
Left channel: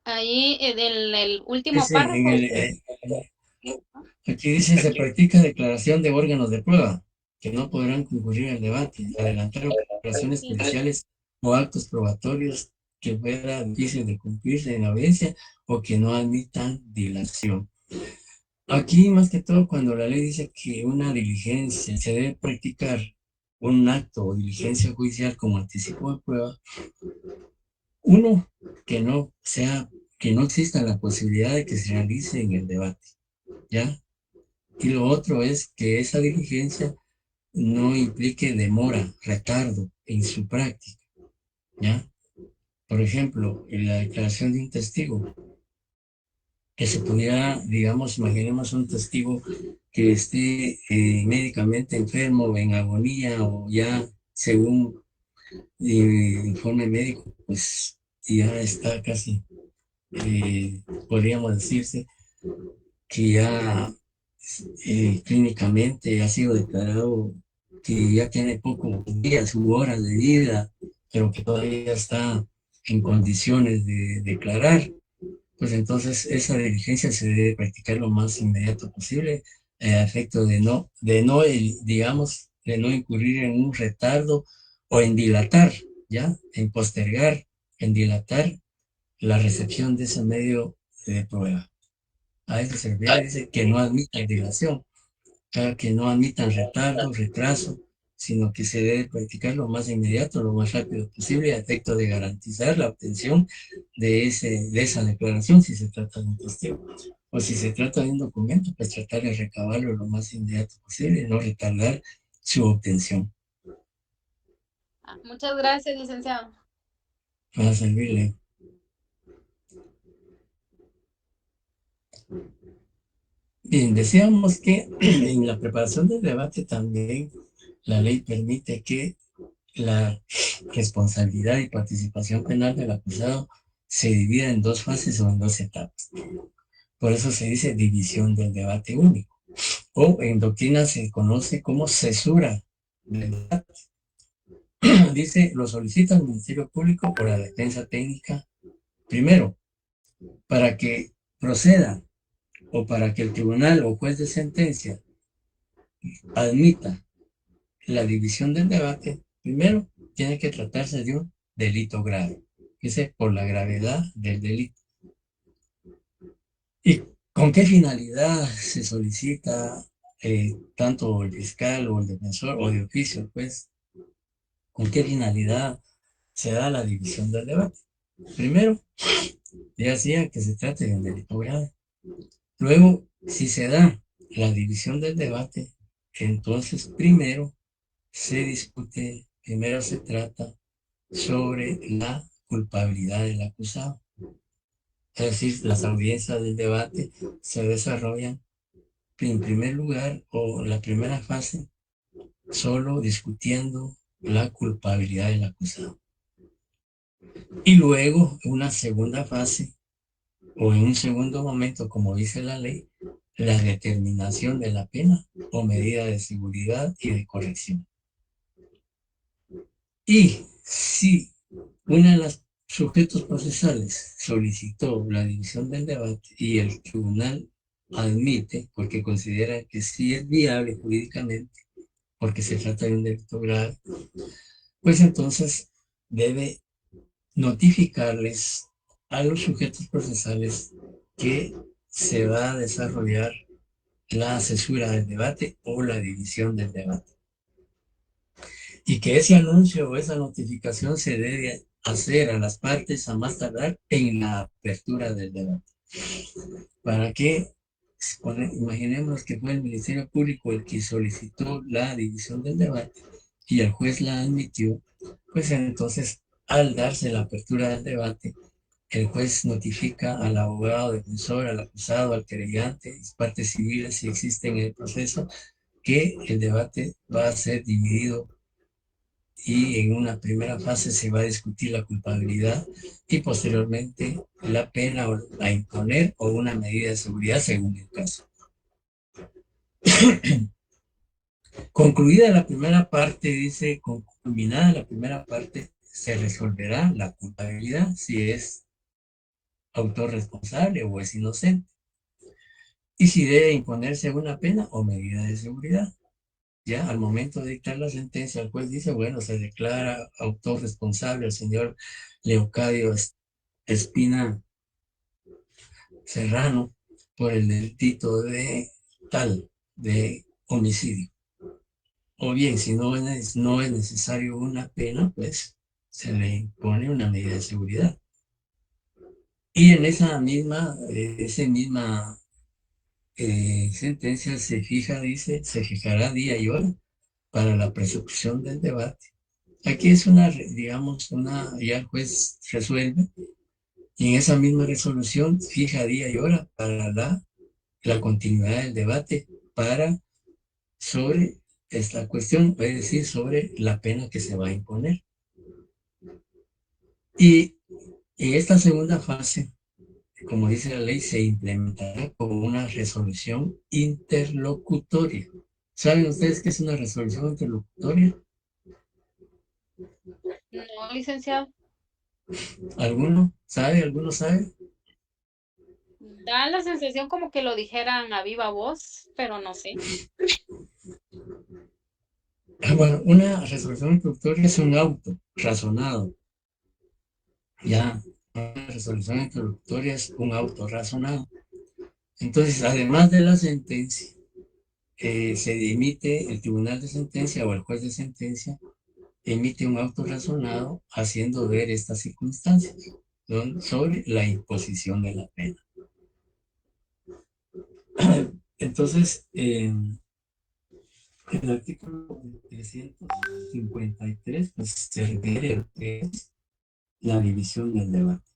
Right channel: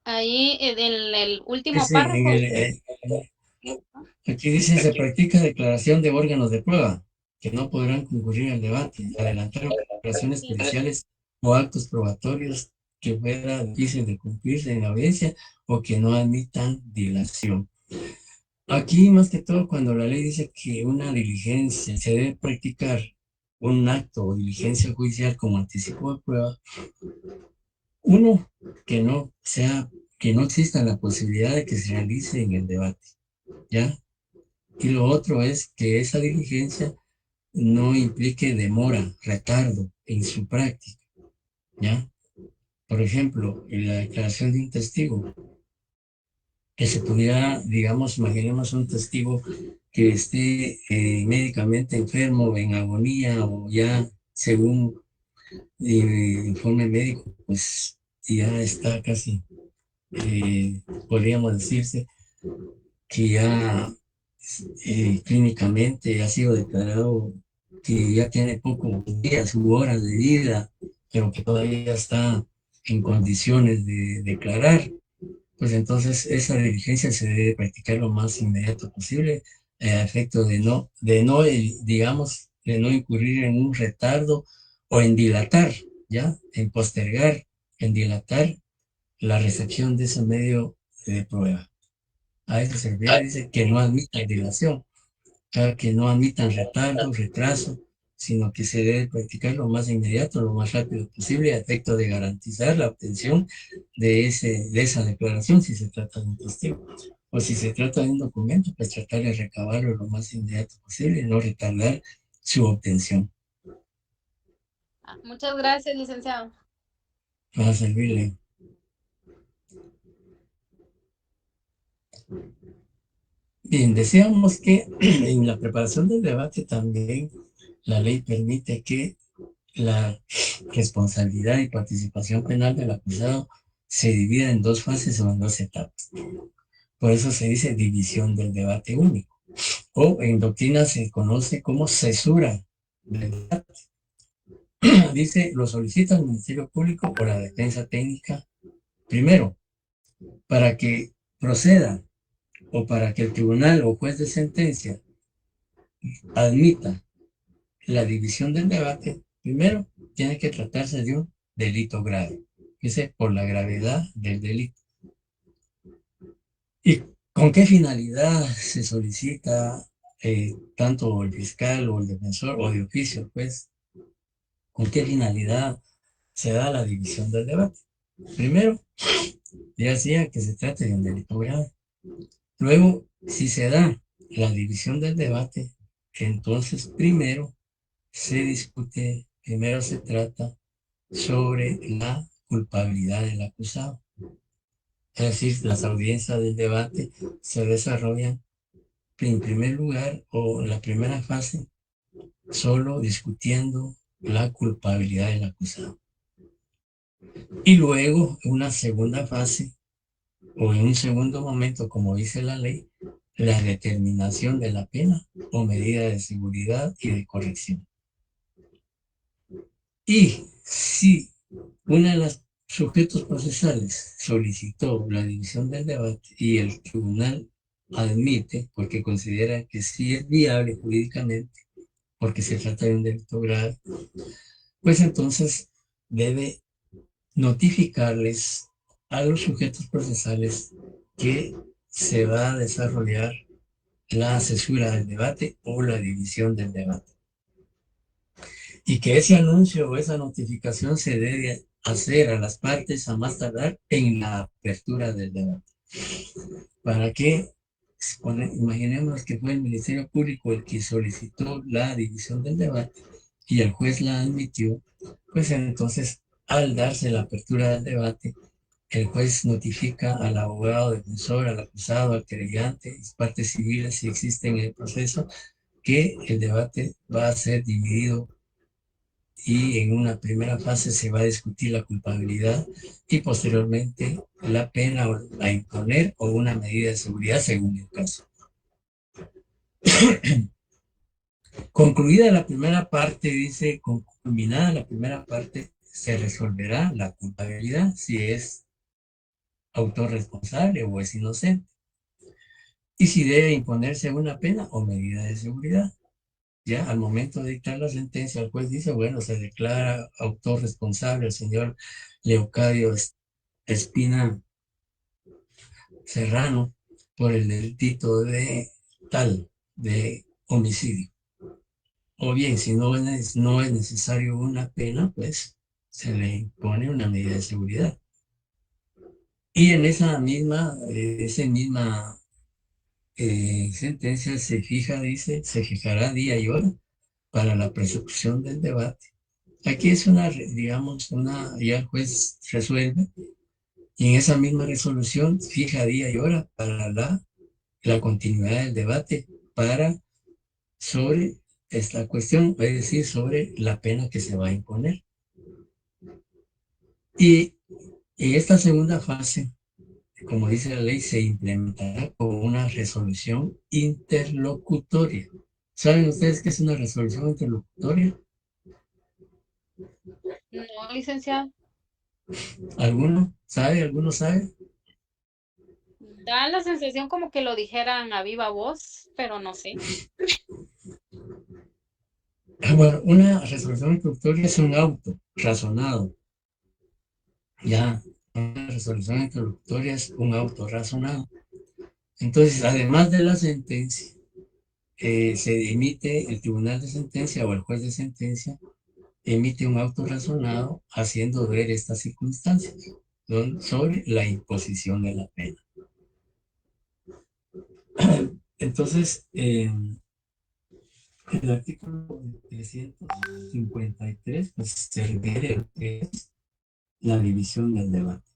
Ahí en el último dice, párrafo dice, aquí dice, se practica declaración de órganos de prueba, que no podrán concurrir al debate, adelantar operaciones periciales o actos probatorios que fuera difícil de cumplirse en la audiencia o que no admitan dilación. Aquí, más que todo, cuando la ley dice que una diligencia se debe practicar un acto o diligencia judicial como anticipo de prueba, uno, que no sea, que no exista la posibilidad de que se realice en el debate, ¿ya? Y lo otro es que esa diligencia no implique demora, retardo en su práctica, ¿ya? Por ejemplo, en la declaración de un testigo, que se pudiera, digamos, imaginemos un testigo que esté médicamente enfermo, en agonía o ya según informe médico, pues ya está casi, podríamos decirse, que ya clínicamente ha sido declarado que ya tiene pocos días u horas de vida, pero que todavía está en condiciones de declarar, pues entonces esa diligencia se debe practicar lo más inmediato posible, a efecto de no, digamos, de no incurrir en un retardo o en dilatar, ¿ya? En postergar, en dilatar la recepción de ese medio de prueba. A eso se refiere, dice que no admitan dilación, que no admitan retardo, retraso, sino que se debe practicar lo más inmediato, lo más rápido posible, a efecto de garantizar la obtención de esa declaración si se trata de un testigo. O si se trata de un documento, pues tratar de recabarlo lo más inmediato posible y no retardar su obtención. Muchas gracias, licenciado. Para servirle. Bien, decíamos que en la preparación del debate también la ley permite que la responsabilidad y participación penal del acusado se divide en dos fases o en dos etapas. Por eso se dice división del debate único. O en doctrina se conoce como cesura del debate. Dice, lo solicita el Ministerio Público por la defensa técnica, primero, para que proceda o para que el tribunal o juez de sentencia admita la división del debate, primero tiene que tratarse de un delito grave, dice por la gravedad del delito. ¿Y con qué finalidad se solicita tanto el fiscal o el defensor o de oficio? Pues, ¿con qué finalidad se da la división del debate? Primero, ya decía que se trate de un delito grave. Luego, si se da la división del debate, entonces primero se trata sobre la culpabilidad del acusado. Es decir, las audiencias del debate se desarrollan en primer lugar o la primera fase solo discutiendo la culpabilidad del acusado. Y luego una segunda fase o en un segundo momento, como dice la ley, la determinación de la pena o medida de seguridad y de corrección. Y si una de las sujetos procesales solicitó la división del debate y el tribunal admite, porque considera que sí es viable jurídicamente, porque se trata de un delito grave, pues entonces debe notificarles a los sujetos procesales que se va a desarrollar la cesura del debate o la división del debate. Y que ese anuncio o esa notificación se debe hacer a las partes a más tardar en la apertura del debate. ¿Para qué? Imaginemos que fue el Ministerio Público el que solicitó la división del debate y el juez la admitió, pues entonces al darse la apertura del debate, el juez notifica al abogado defensor, al acusado, al querellante, las partes civiles si existen en el proceso, que el debate va a ser dividido y en una primera fase se va a discutir la culpabilidad y posteriormente la pena a imponer o una medida de seguridad según el caso. Concluida la primera parte, dice, culminada la primera parte, se resolverá la culpabilidad si es autor responsable o es inocente, y si debe imponerse una pena o medida de seguridad. Ya al momento de dictar la sentencia, el juez dice, bueno, se declara autor responsable el señor Leocadio Espina Serrano por el delito de tal, de homicidio. O bien, si no es necesario una pena, pues se le impone una medida de seguridad. Y en esa misma sentencia se fija, dice, se fijará día y hora para la persecución del debate. Aquí es digamos, ya el juez resuelve y en esa misma resolución fija día y hora para la continuidad del debate sobre esta cuestión, es decir, sobre la pena que se va a imponer. Y en esta segunda fase, como dice la ley, se implementará como una resolución interlocutoria. ¿Saben ustedes qué es una resolución interlocutoria? No, licenciado. ¿Alguno sabe? ¿Alguno sabe? Da la sensación como que lo dijeran a viva voz, pero no sé. Bueno, una resolución interlocutoria es un auto razonado. Ya, una resolución interlocutoria es un auto razonado. Entonces, además de la sentencia, se emite el tribunal de sentencia o el juez de sentencia emite un auto razonado haciendo ver estas circunstancias sobre la imposición de la pena. Entonces, el artículo 353 pues, se refiere a lo que es la división del debate.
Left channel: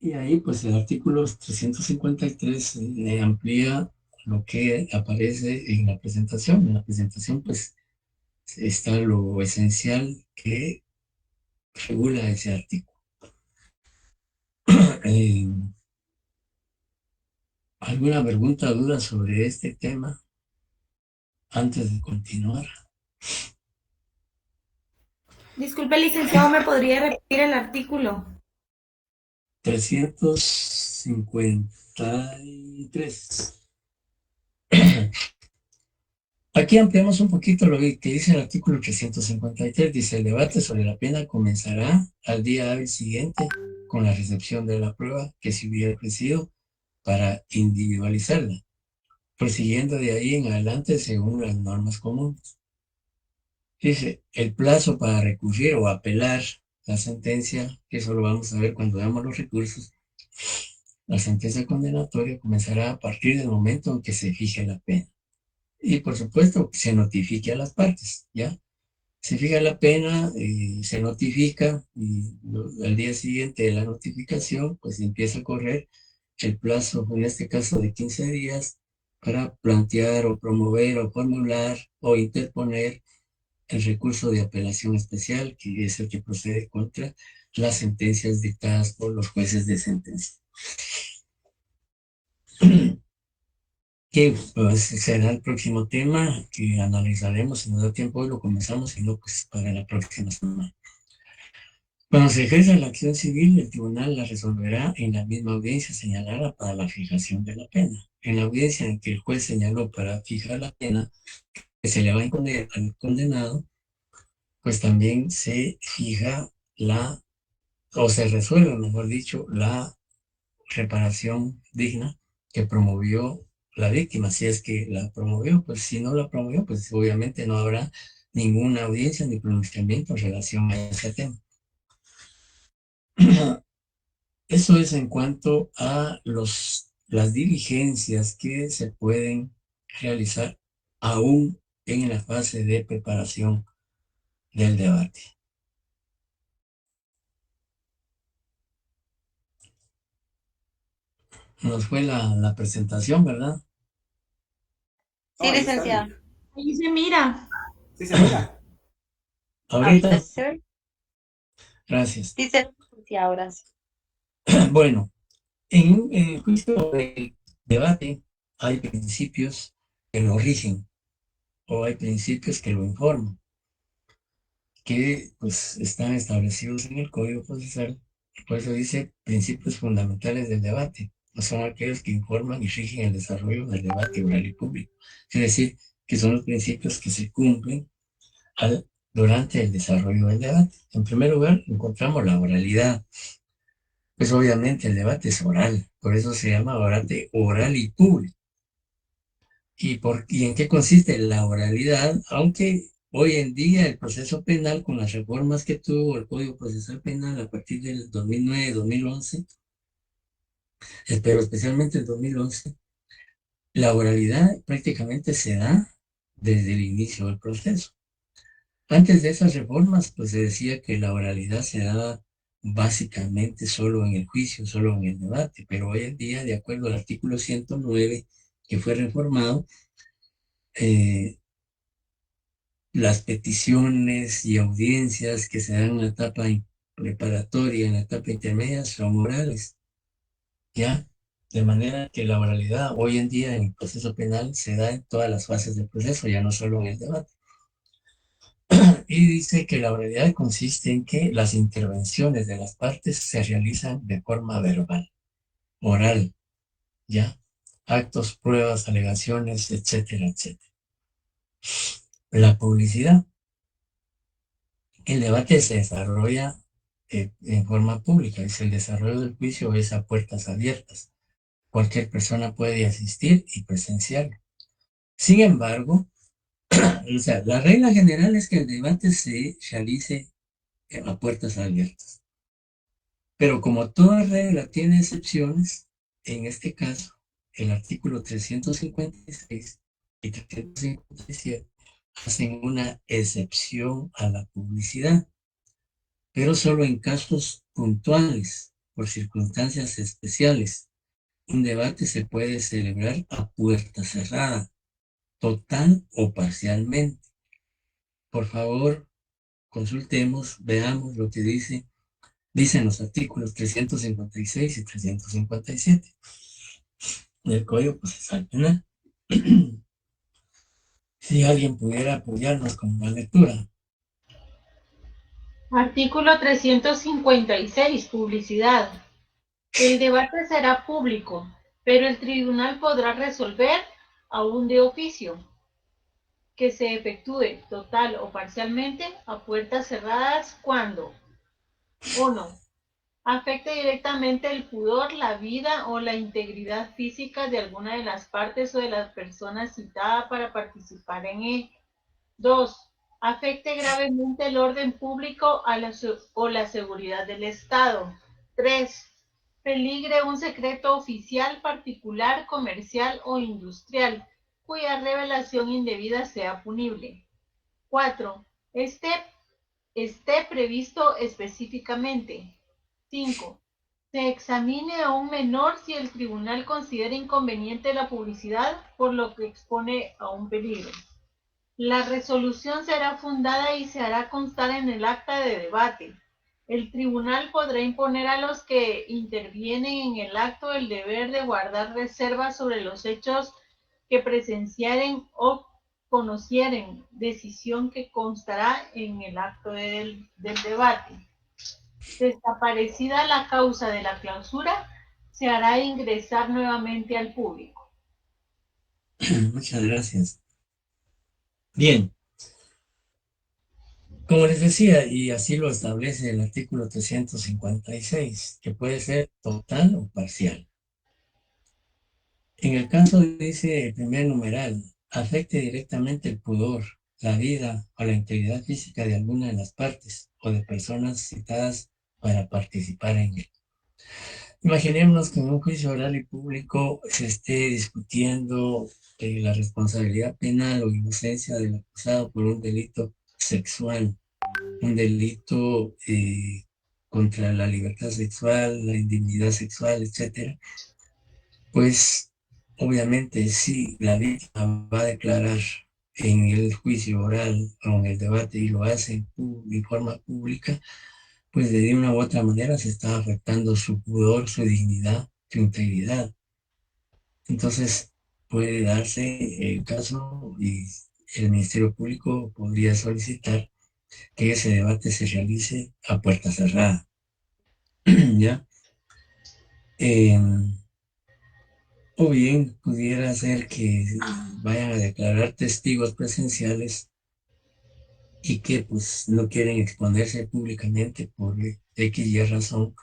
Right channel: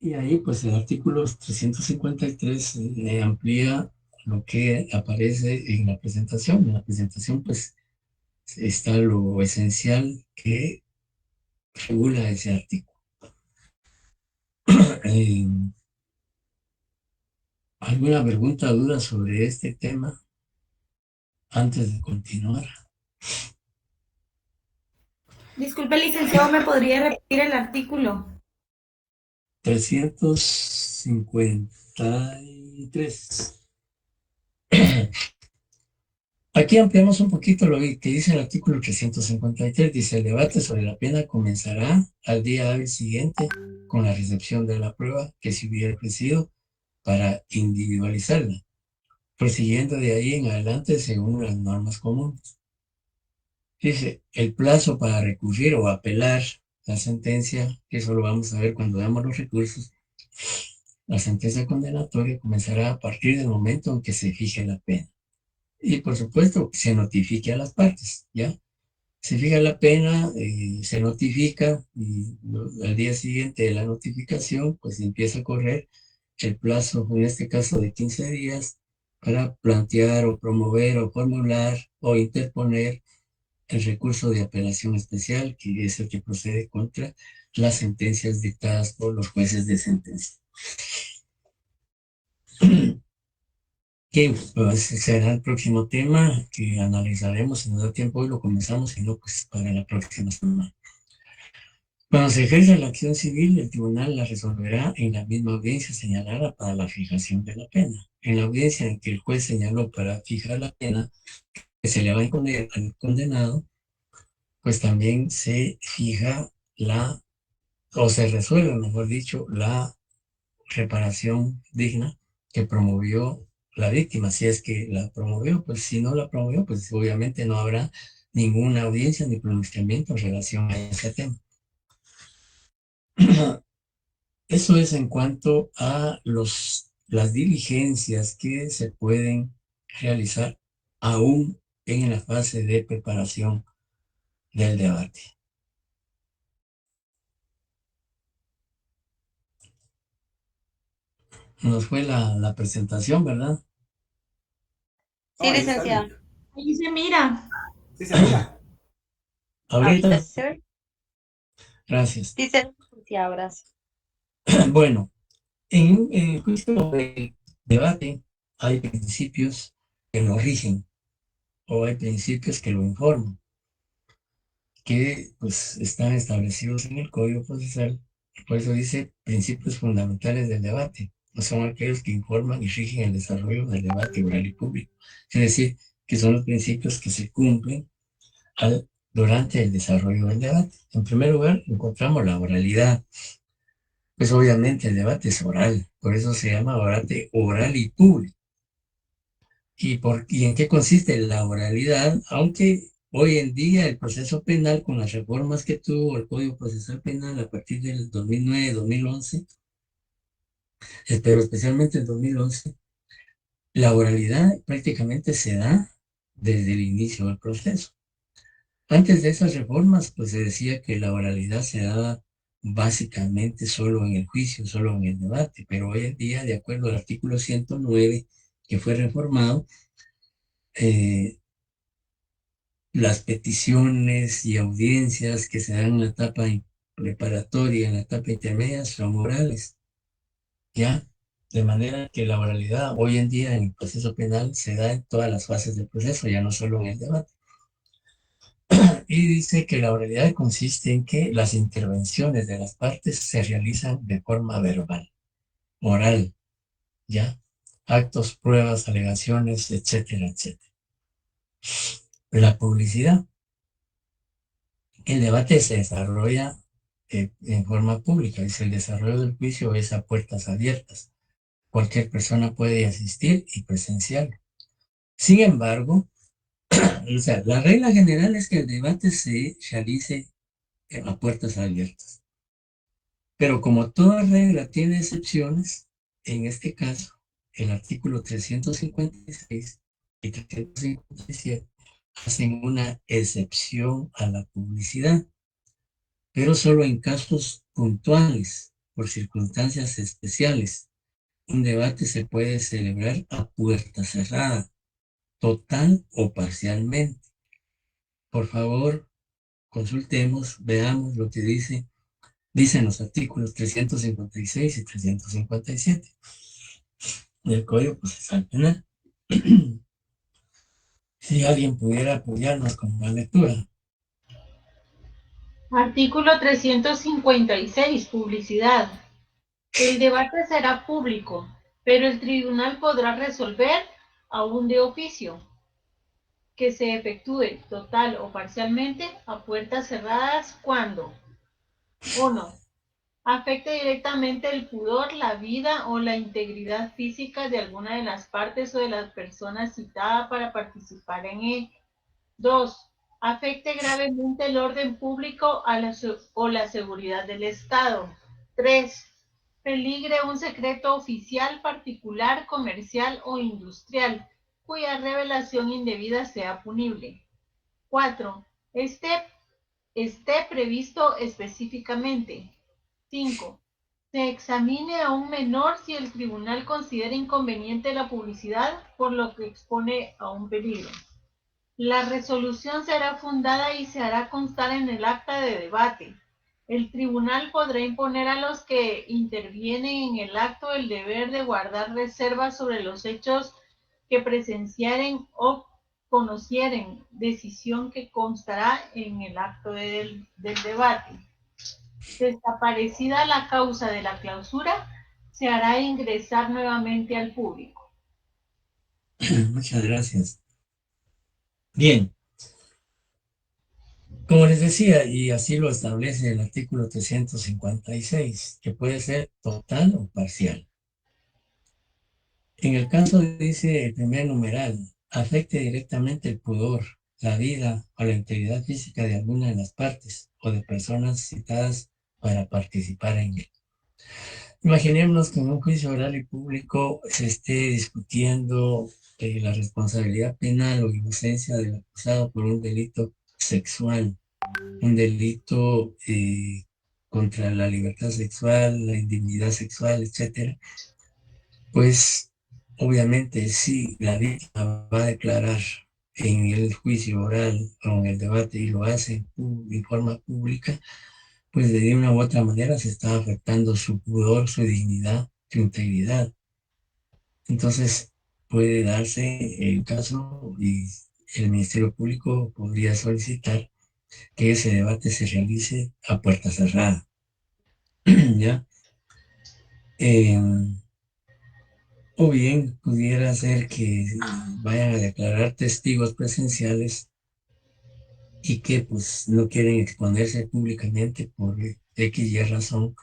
Y ahí, pues el artículo 353 amplía lo que aparece en la presentación. En la presentación, pues, está lo esencial que regula ese artículo. Eh, ¿Alguna pregunta o duda sobre este tema antes de continuar? Disculpe, licenciado, ¿me podría repetir el artículo? 353. Aquí ampliamos un poquito lo que dice el artículo 353. Dice, el debate sobre la pena comenzará al día hábil siguiente con la recepción de la prueba que se hubiera ofrecido para individualizarla, prosiguiendo de ahí en adelante según las normas comunes. Dice, el plazo para recurrir o apelar la sentencia, que eso lo vamos a ver cuando veamos los recursos, la sentencia condenatoria comenzará a partir del momento en que se fije la pena. Y por supuesto, se notifique a las partes, ¿ya? Se fija la pena, se notifica y al día siguiente de la notificación, pues empieza a correr el plazo, en este caso de 15 días, para plantear o promover o formular o interponer el recurso de apelación especial, que es el que procede contra las sentencias dictadas por los jueces de sentencia. Que pues, será el próximo tema que analizaremos. Si nos da tiempo hoy lo comenzamos, si no, pues para la próxima semana. Cuando se ejerce la acción civil, el tribunal la resolverá en la misma audiencia señalada para la fijación de la pena. En la audiencia en que el juez señaló para fijar la pena que se le va a imponer al condenado, pues también se fija o se resuelve, mejor dicho, la reparación digna que promovió la víctima, si es que la promovió. Pues si no la promovió, pues obviamente no habrá ninguna audiencia ni pronunciamiento en relación a ese tema. Eso es en cuanto a las diligencias que se pueden realizar aún en la fase de preparación del debate. Nos fue la presentación, ¿verdad? Sí, licenciado. Ahí se mira. Sí se mira. Ahorita Ahorita, sí se ve. Gracias. Sí, se licenciado, gracias. Bueno, en el juicio del debate hay principios que lo rigen o hay principios que lo informan, que pues están establecidos en el Código Procesal. Por eso dice principios fundamentales del debate. No son aquellos que informan y rigen el desarrollo del debate oral y público. Es decir, que son los principios que se cumplen durante el desarrollo del debate. En primer lugar, encontramos la oralidad. Pues obviamente el debate es oral, por eso se llama debate oral y público. ¿Y en qué consiste la oralidad? Aunque hoy en día el proceso penal, con las reformas que tuvo el Código Procesal Penal a partir del 2009-2011, pero especialmente el 2011, la oralidad prácticamente se da desde el inicio del proceso. Antes de esas reformas, pues se decía que la oralidad se daba básicamente solo en el juicio, solo en el debate, pero hoy en día, de acuerdo al artículo 109, que fue reformado, eh, las peticiones y audiencias que se dan en la etapa preparatoria, en la etapa intermedia, son orales, ¿ya? De manera que la oralidad hoy en día en el proceso penal se da en todas las fases del proceso, ya no solo en el debate. Y dice que la oralidad consiste en que las intervenciones de las partes se realizan de forma verbal, oral, ¿ya? Actos, pruebas, alegaciones, etcétera, etcétera. La publicidad. El debate se desarrolla en forma pública. Dice, el desarrollo del juicio es a puertas abiertas. Cualquier persona puede asistir y presenciarlo. Sin embargo, o sea, la regla general es que el debate se realice a puertas abiertas. Pero como toda regla tiene excepciones, en este caso, el artículo 356 y 357 hacen una excepción a la publicidad, pero solo en casos puntuales, por circunstancias especiales. Un debate se puede celebrar a puerta cerrada, total o parcialmente. Por favor, consultemos, veamos lo que dicen los artículos 356 y 357 del Código Procesal Penal. Si alguien pudiera apoyarnos con la lectura. Artículo 356. Publicidad. El debate será público, pero el tribunal podrá resolver, aún de oficio, que se efectúe total o parcialmente a puertas cerradas cuando 1. Afecte directamente el pudor, la vida o la integridad física de alguna de las partes o de las personas citadas para participar en él. 2. Afecte gravemente el orden público o la seguridad del Estado. 3. Peligre un secreto oficial, particular, comercial o industrial, cuya revelación indebida sea punible. 4. Esté previsto específicamente. 5. Se examine a un menor si el tribunal considera inconveniente la publicidad, por lo que expone a un peligro. La resolución será fundada y se hará constar en el acta de debate. El tribunal podrá imponer a los que intervienen en el acto el deber de guardar reservas sobre los hechos que presenciaren o conocieren, decisión que constará en el acto del debate. Desaparecida la causa de la clausura, se hará ingresar nuevamente al público. Muchas gracias. Bien, como les decía, y así lo establece el artículo 356, que puede ser total o parcial. En el caso, dice el primer numeral, afecte directamente el pudor, la vida o la integridad física de alguna de las partes o de personas citadas para participar en él. Imaginémonos que en un juicio oral y público se esté discutiendo la responsabilidad penal o inocencia del acusado por un delito sexual, un delito contra la libertad sexual, la indignidad sexual, etcétera. Pues obviamente si la víctima va a declarar en el juicio oral o en el debate y lo hace de forma pública, pues de una u otra manera se está afectando su pudor, su dignidad, su integridad. Entonces puede darse el caso y el Ministerio Público podría solicitar que ese debate se realice a puerta cerrada, ¿ya? O bien pudiera ser que vayan a declarar testigos presenciales y que pues no quieren exponerse públicamente por X y razón,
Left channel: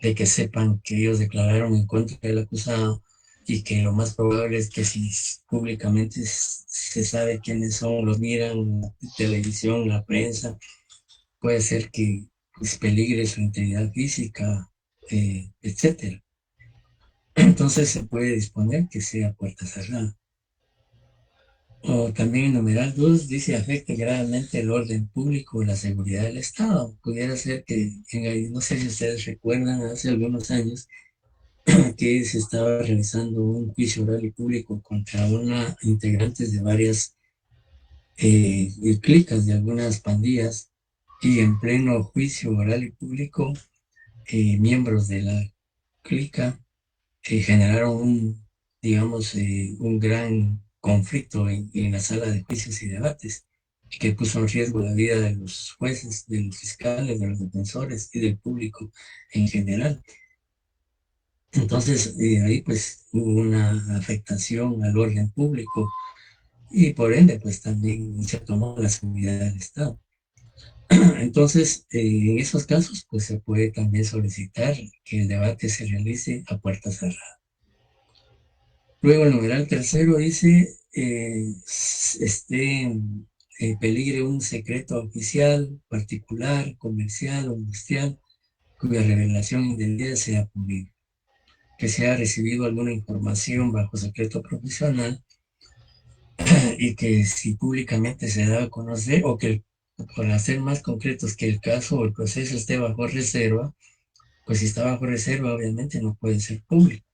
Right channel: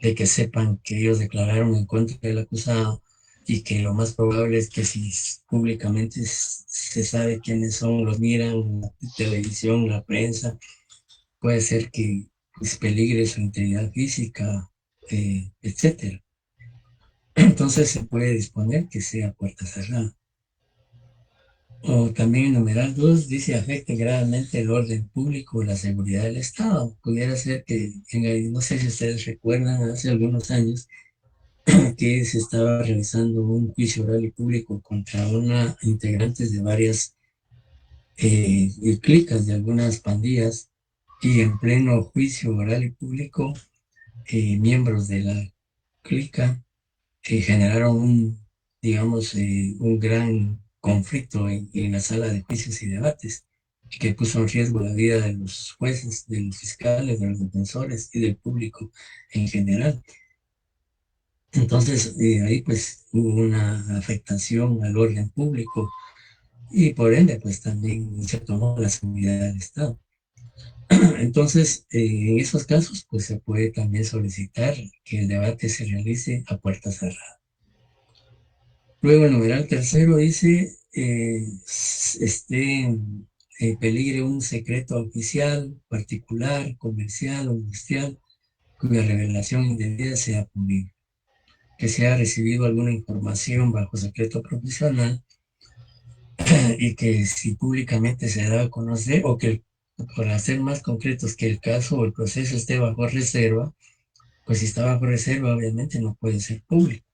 de que sepan que ellos declararon en contra del acusado y que lo más probable es que si públicamente se sabe quiénes son, los miran en la televisión, la prensa, puede ser que pues, peligre su integridad física, etcétera. Entonces se puede disponer que sea puerta cerrada. O también en numeral 2 dice afecte gravemente el orden público o la seguridad del Estado. Pudiera ser que, no sé si ustedes recuerdan, hace algunos años que se estaba realizando un juicio oral y público contra una integrantes de varias clicas de algunas pandillas y en pleno juicio oral y público, miembros de la clica generaron digamos, un gran conflicto en la sala de juicios y debates, que puso en riesgo la vida de los jueces, de los fiscales, de los defensores y del público en general. Entonces, ahí pues hubo una afectación al orden público y por ende pues también se tomó la seguridad del Estado. Entonces, en esos casos pues se puede también solicitar que el debate se realice a puerta cerrada. Luego el numeral tercero dice, peligre un secreto oficial, particular, comercial o industrial, cuya revelación indebida sea pública, que se ha recibido alguna información bajo secreto profesional y que si públicamente se da a conocer, o que, para ser más concretos, que el caso o el proceso esté bajo reserva, pues si está bajo reserva obviamente no puede ser público.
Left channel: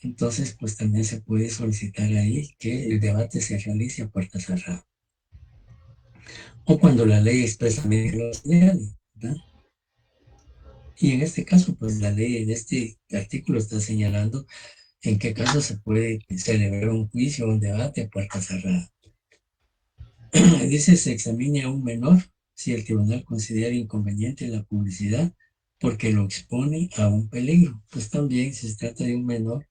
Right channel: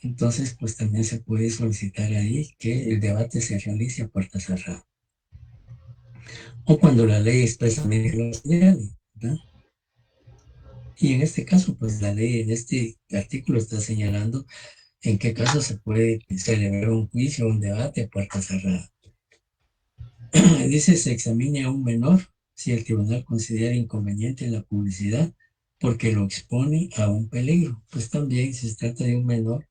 Entonces, pues también se puede solicitar ahí que el debate se realice a puerta cerrada. O cuando la ley expresamente lo señale, ¿verdad? Y en este caso, pues la ley en este artículo está señalando en qué caso se puede celebrar un juicio o un debate a puerta cerrada. Dice, se examine a un menor si el tribunal considera inconveniente la publicidad porque lo expone a un peligro. Pues también si se trata de un menor,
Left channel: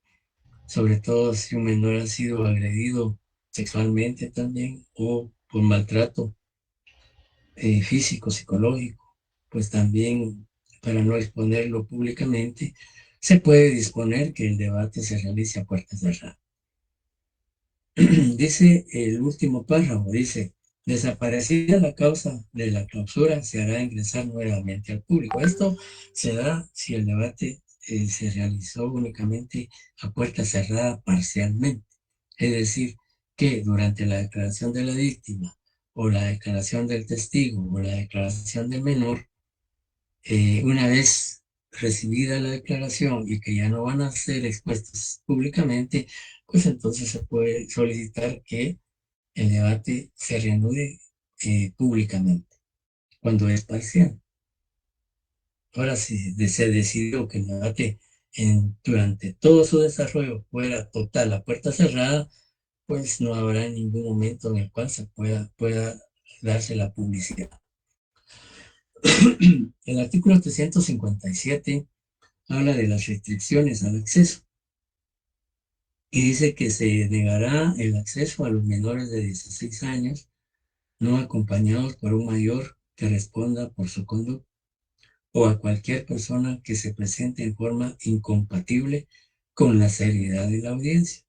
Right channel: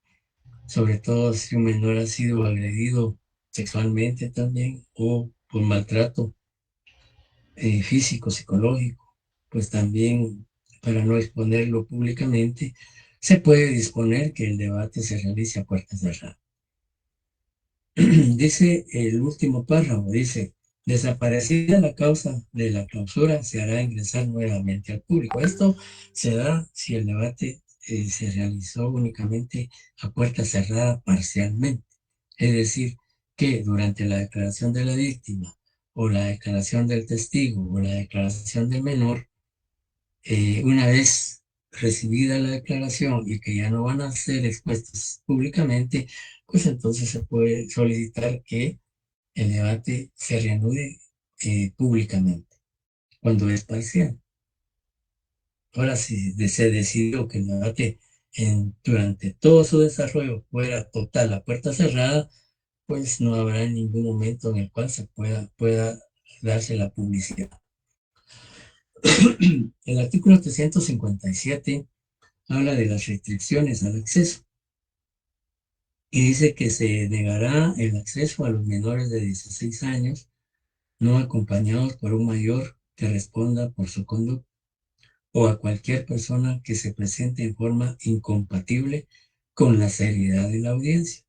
sobre todo si un menor ha sido agredido sexualmente también o por maltrato físico, psicológico, pues también para no exponerlo públicamente, se puede disponer que el debate se realice a puerta cerrada. Dice el último párrafo, dice, desaparecida la causa de la clausura, se hará ingresar nuevamente al público. Esto se da si el debate se realizó únicamente a puerta cerrada parcialmente. Es decir, que durante la declaración de la víctima o la declaración del testigo o la declaración del menor, una vez recibida la declaración y que ya no van a ser expuestos públicamente, pues entonces se puede solicitar que el debate se reanude públicamente, cuando es parcial. Ahora, si se decidió que el debate durante todo su desarrollo fuera total a puerta cerrada, pues no habrá ningún momento en el cual se pueda darse la publicidad. El artículo 357 habla de las restricciones al acceso y dice que se negará el acceso a los menores de 16 años no acompañados por un mayor que responda por su conducta o a cualquier persona que se presente en forma incompatible con la seriedad de la audiencia.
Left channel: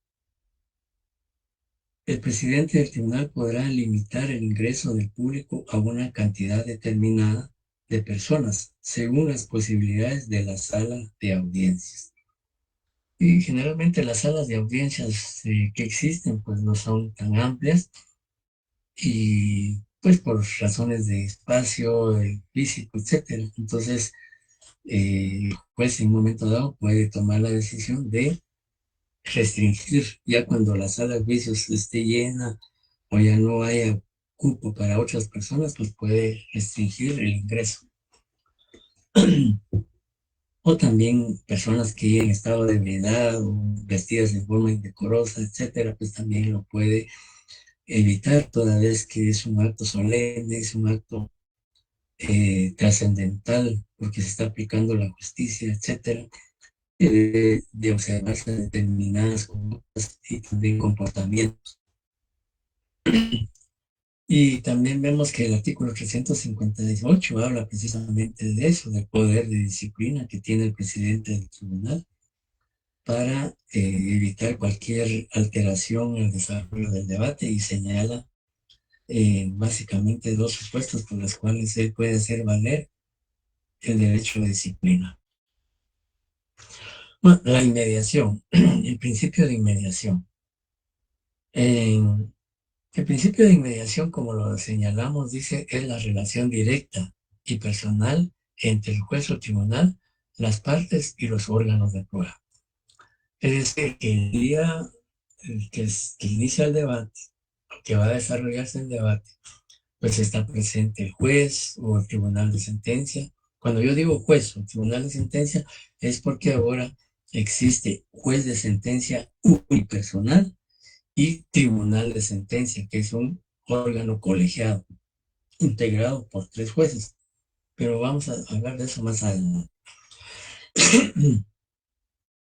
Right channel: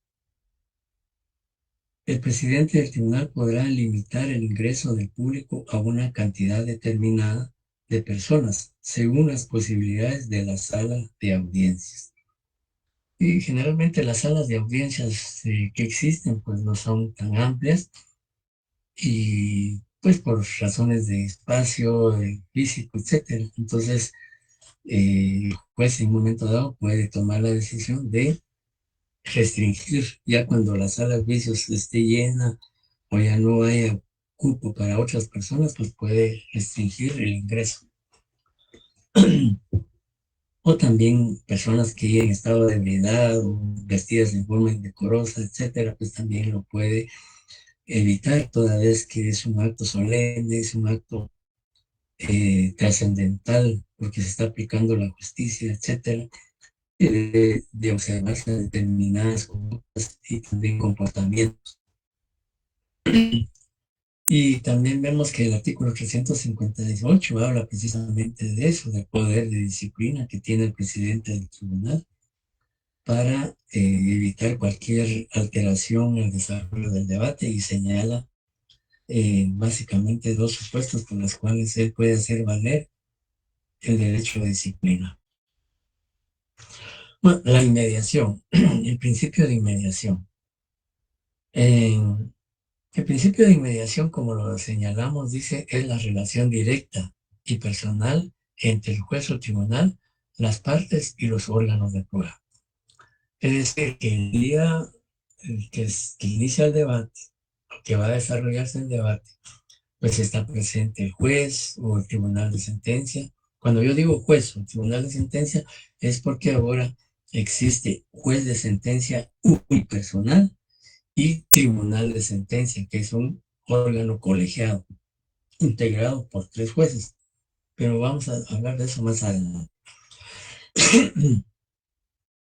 El presidente del tribunal podrá limitar el ingreso del público a una cantidad determinada de personas según las posibilidades de la sala de audiencias. Y generalmente las salas de audiencias que existen pues no son tan amplias y pues por razones de espacio, físico, etcétera. Entonces, pues en un momento dado puede tomar la decisión de restringir, ya cuando la sala de juicios esté llena o ya no haya cupo para otras personas, pues puede restringir el ingreso. o también personas que en estado de ebriedad o vestidas de forma indecorosa, etcétera, pues también lo puede evitar toda vez que es un acto solemne, es un acto trascendental, porque se está aplicando la justicia, etcétera, de observarse determinadas conductas y también comportamientos. Y también vemos que el artículo 358 habla precisamente de eso, del poder de disciplina que tiene el presidente del tribunal para evitar cualquier alteración en el desarrollo del debate y señala básicamente dos supuestos por los cuales él puede hacer valer el derecho de disciplina. Bueno, la inmediación, el principio de inmediación. El principio de inmediación, como lo señalamos, dice, es la relación directa y personal entre el juez o tribunal, las partes y los órganos de prueba. Es decir, que el día que inicia el debate, que va a desarrollarse el debate, pues está presente el juez o el tribunal de sentencia. Cuando yo digo juez o tribunal de sentencia, es porque ahora existe juez de sentencia unipersonal y tribunal de sentencia, que es un órgano colegiado, integrado por 3 jueces. Pero vamos a hablar de eso más adelante.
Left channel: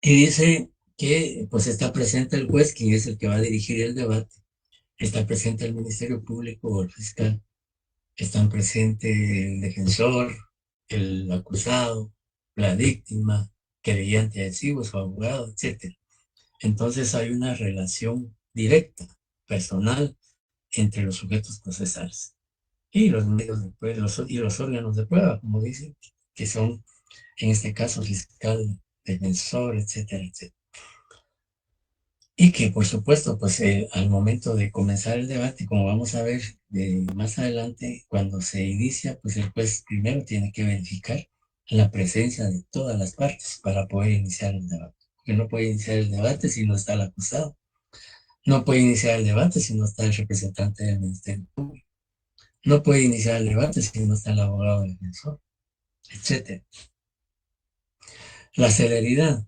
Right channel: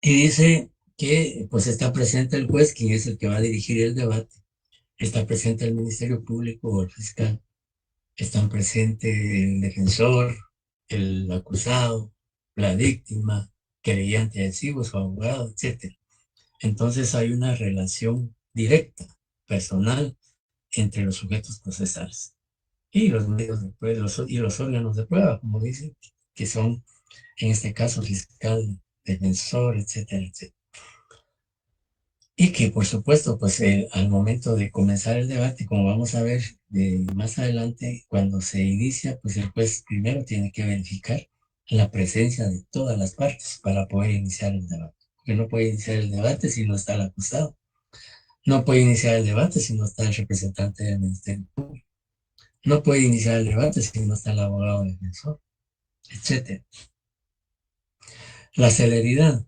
Y dice que pues está presente el juez, quien es el que va a dirigir el debate, está presente el Ministerio Público o el fiscal, están presentes el defensor, el acusado, la víctima, querellante adhesivo, su abogado, etc. Entonces hay una relación directa, personal, entre los sujetos procesales y los medios de prueba, y los órganos de prueba, como dicen, que son en este caso fiscal, defensor, etcétera, etcétera. Y que por supuesto, pues al momento de comenzar el debate, como vamos a ver más adelante, cuando se inicia, pues el juez primero tiene que verificar la presencia de todas las partes para poder iniciar el debate. Porque no puede iniciar el debate si no está el acusado. No puede iniciar el debate si no está el representante del Ministerio Público. No puede iniciar el debate si no está el abogado defensor, etc. La celeridad.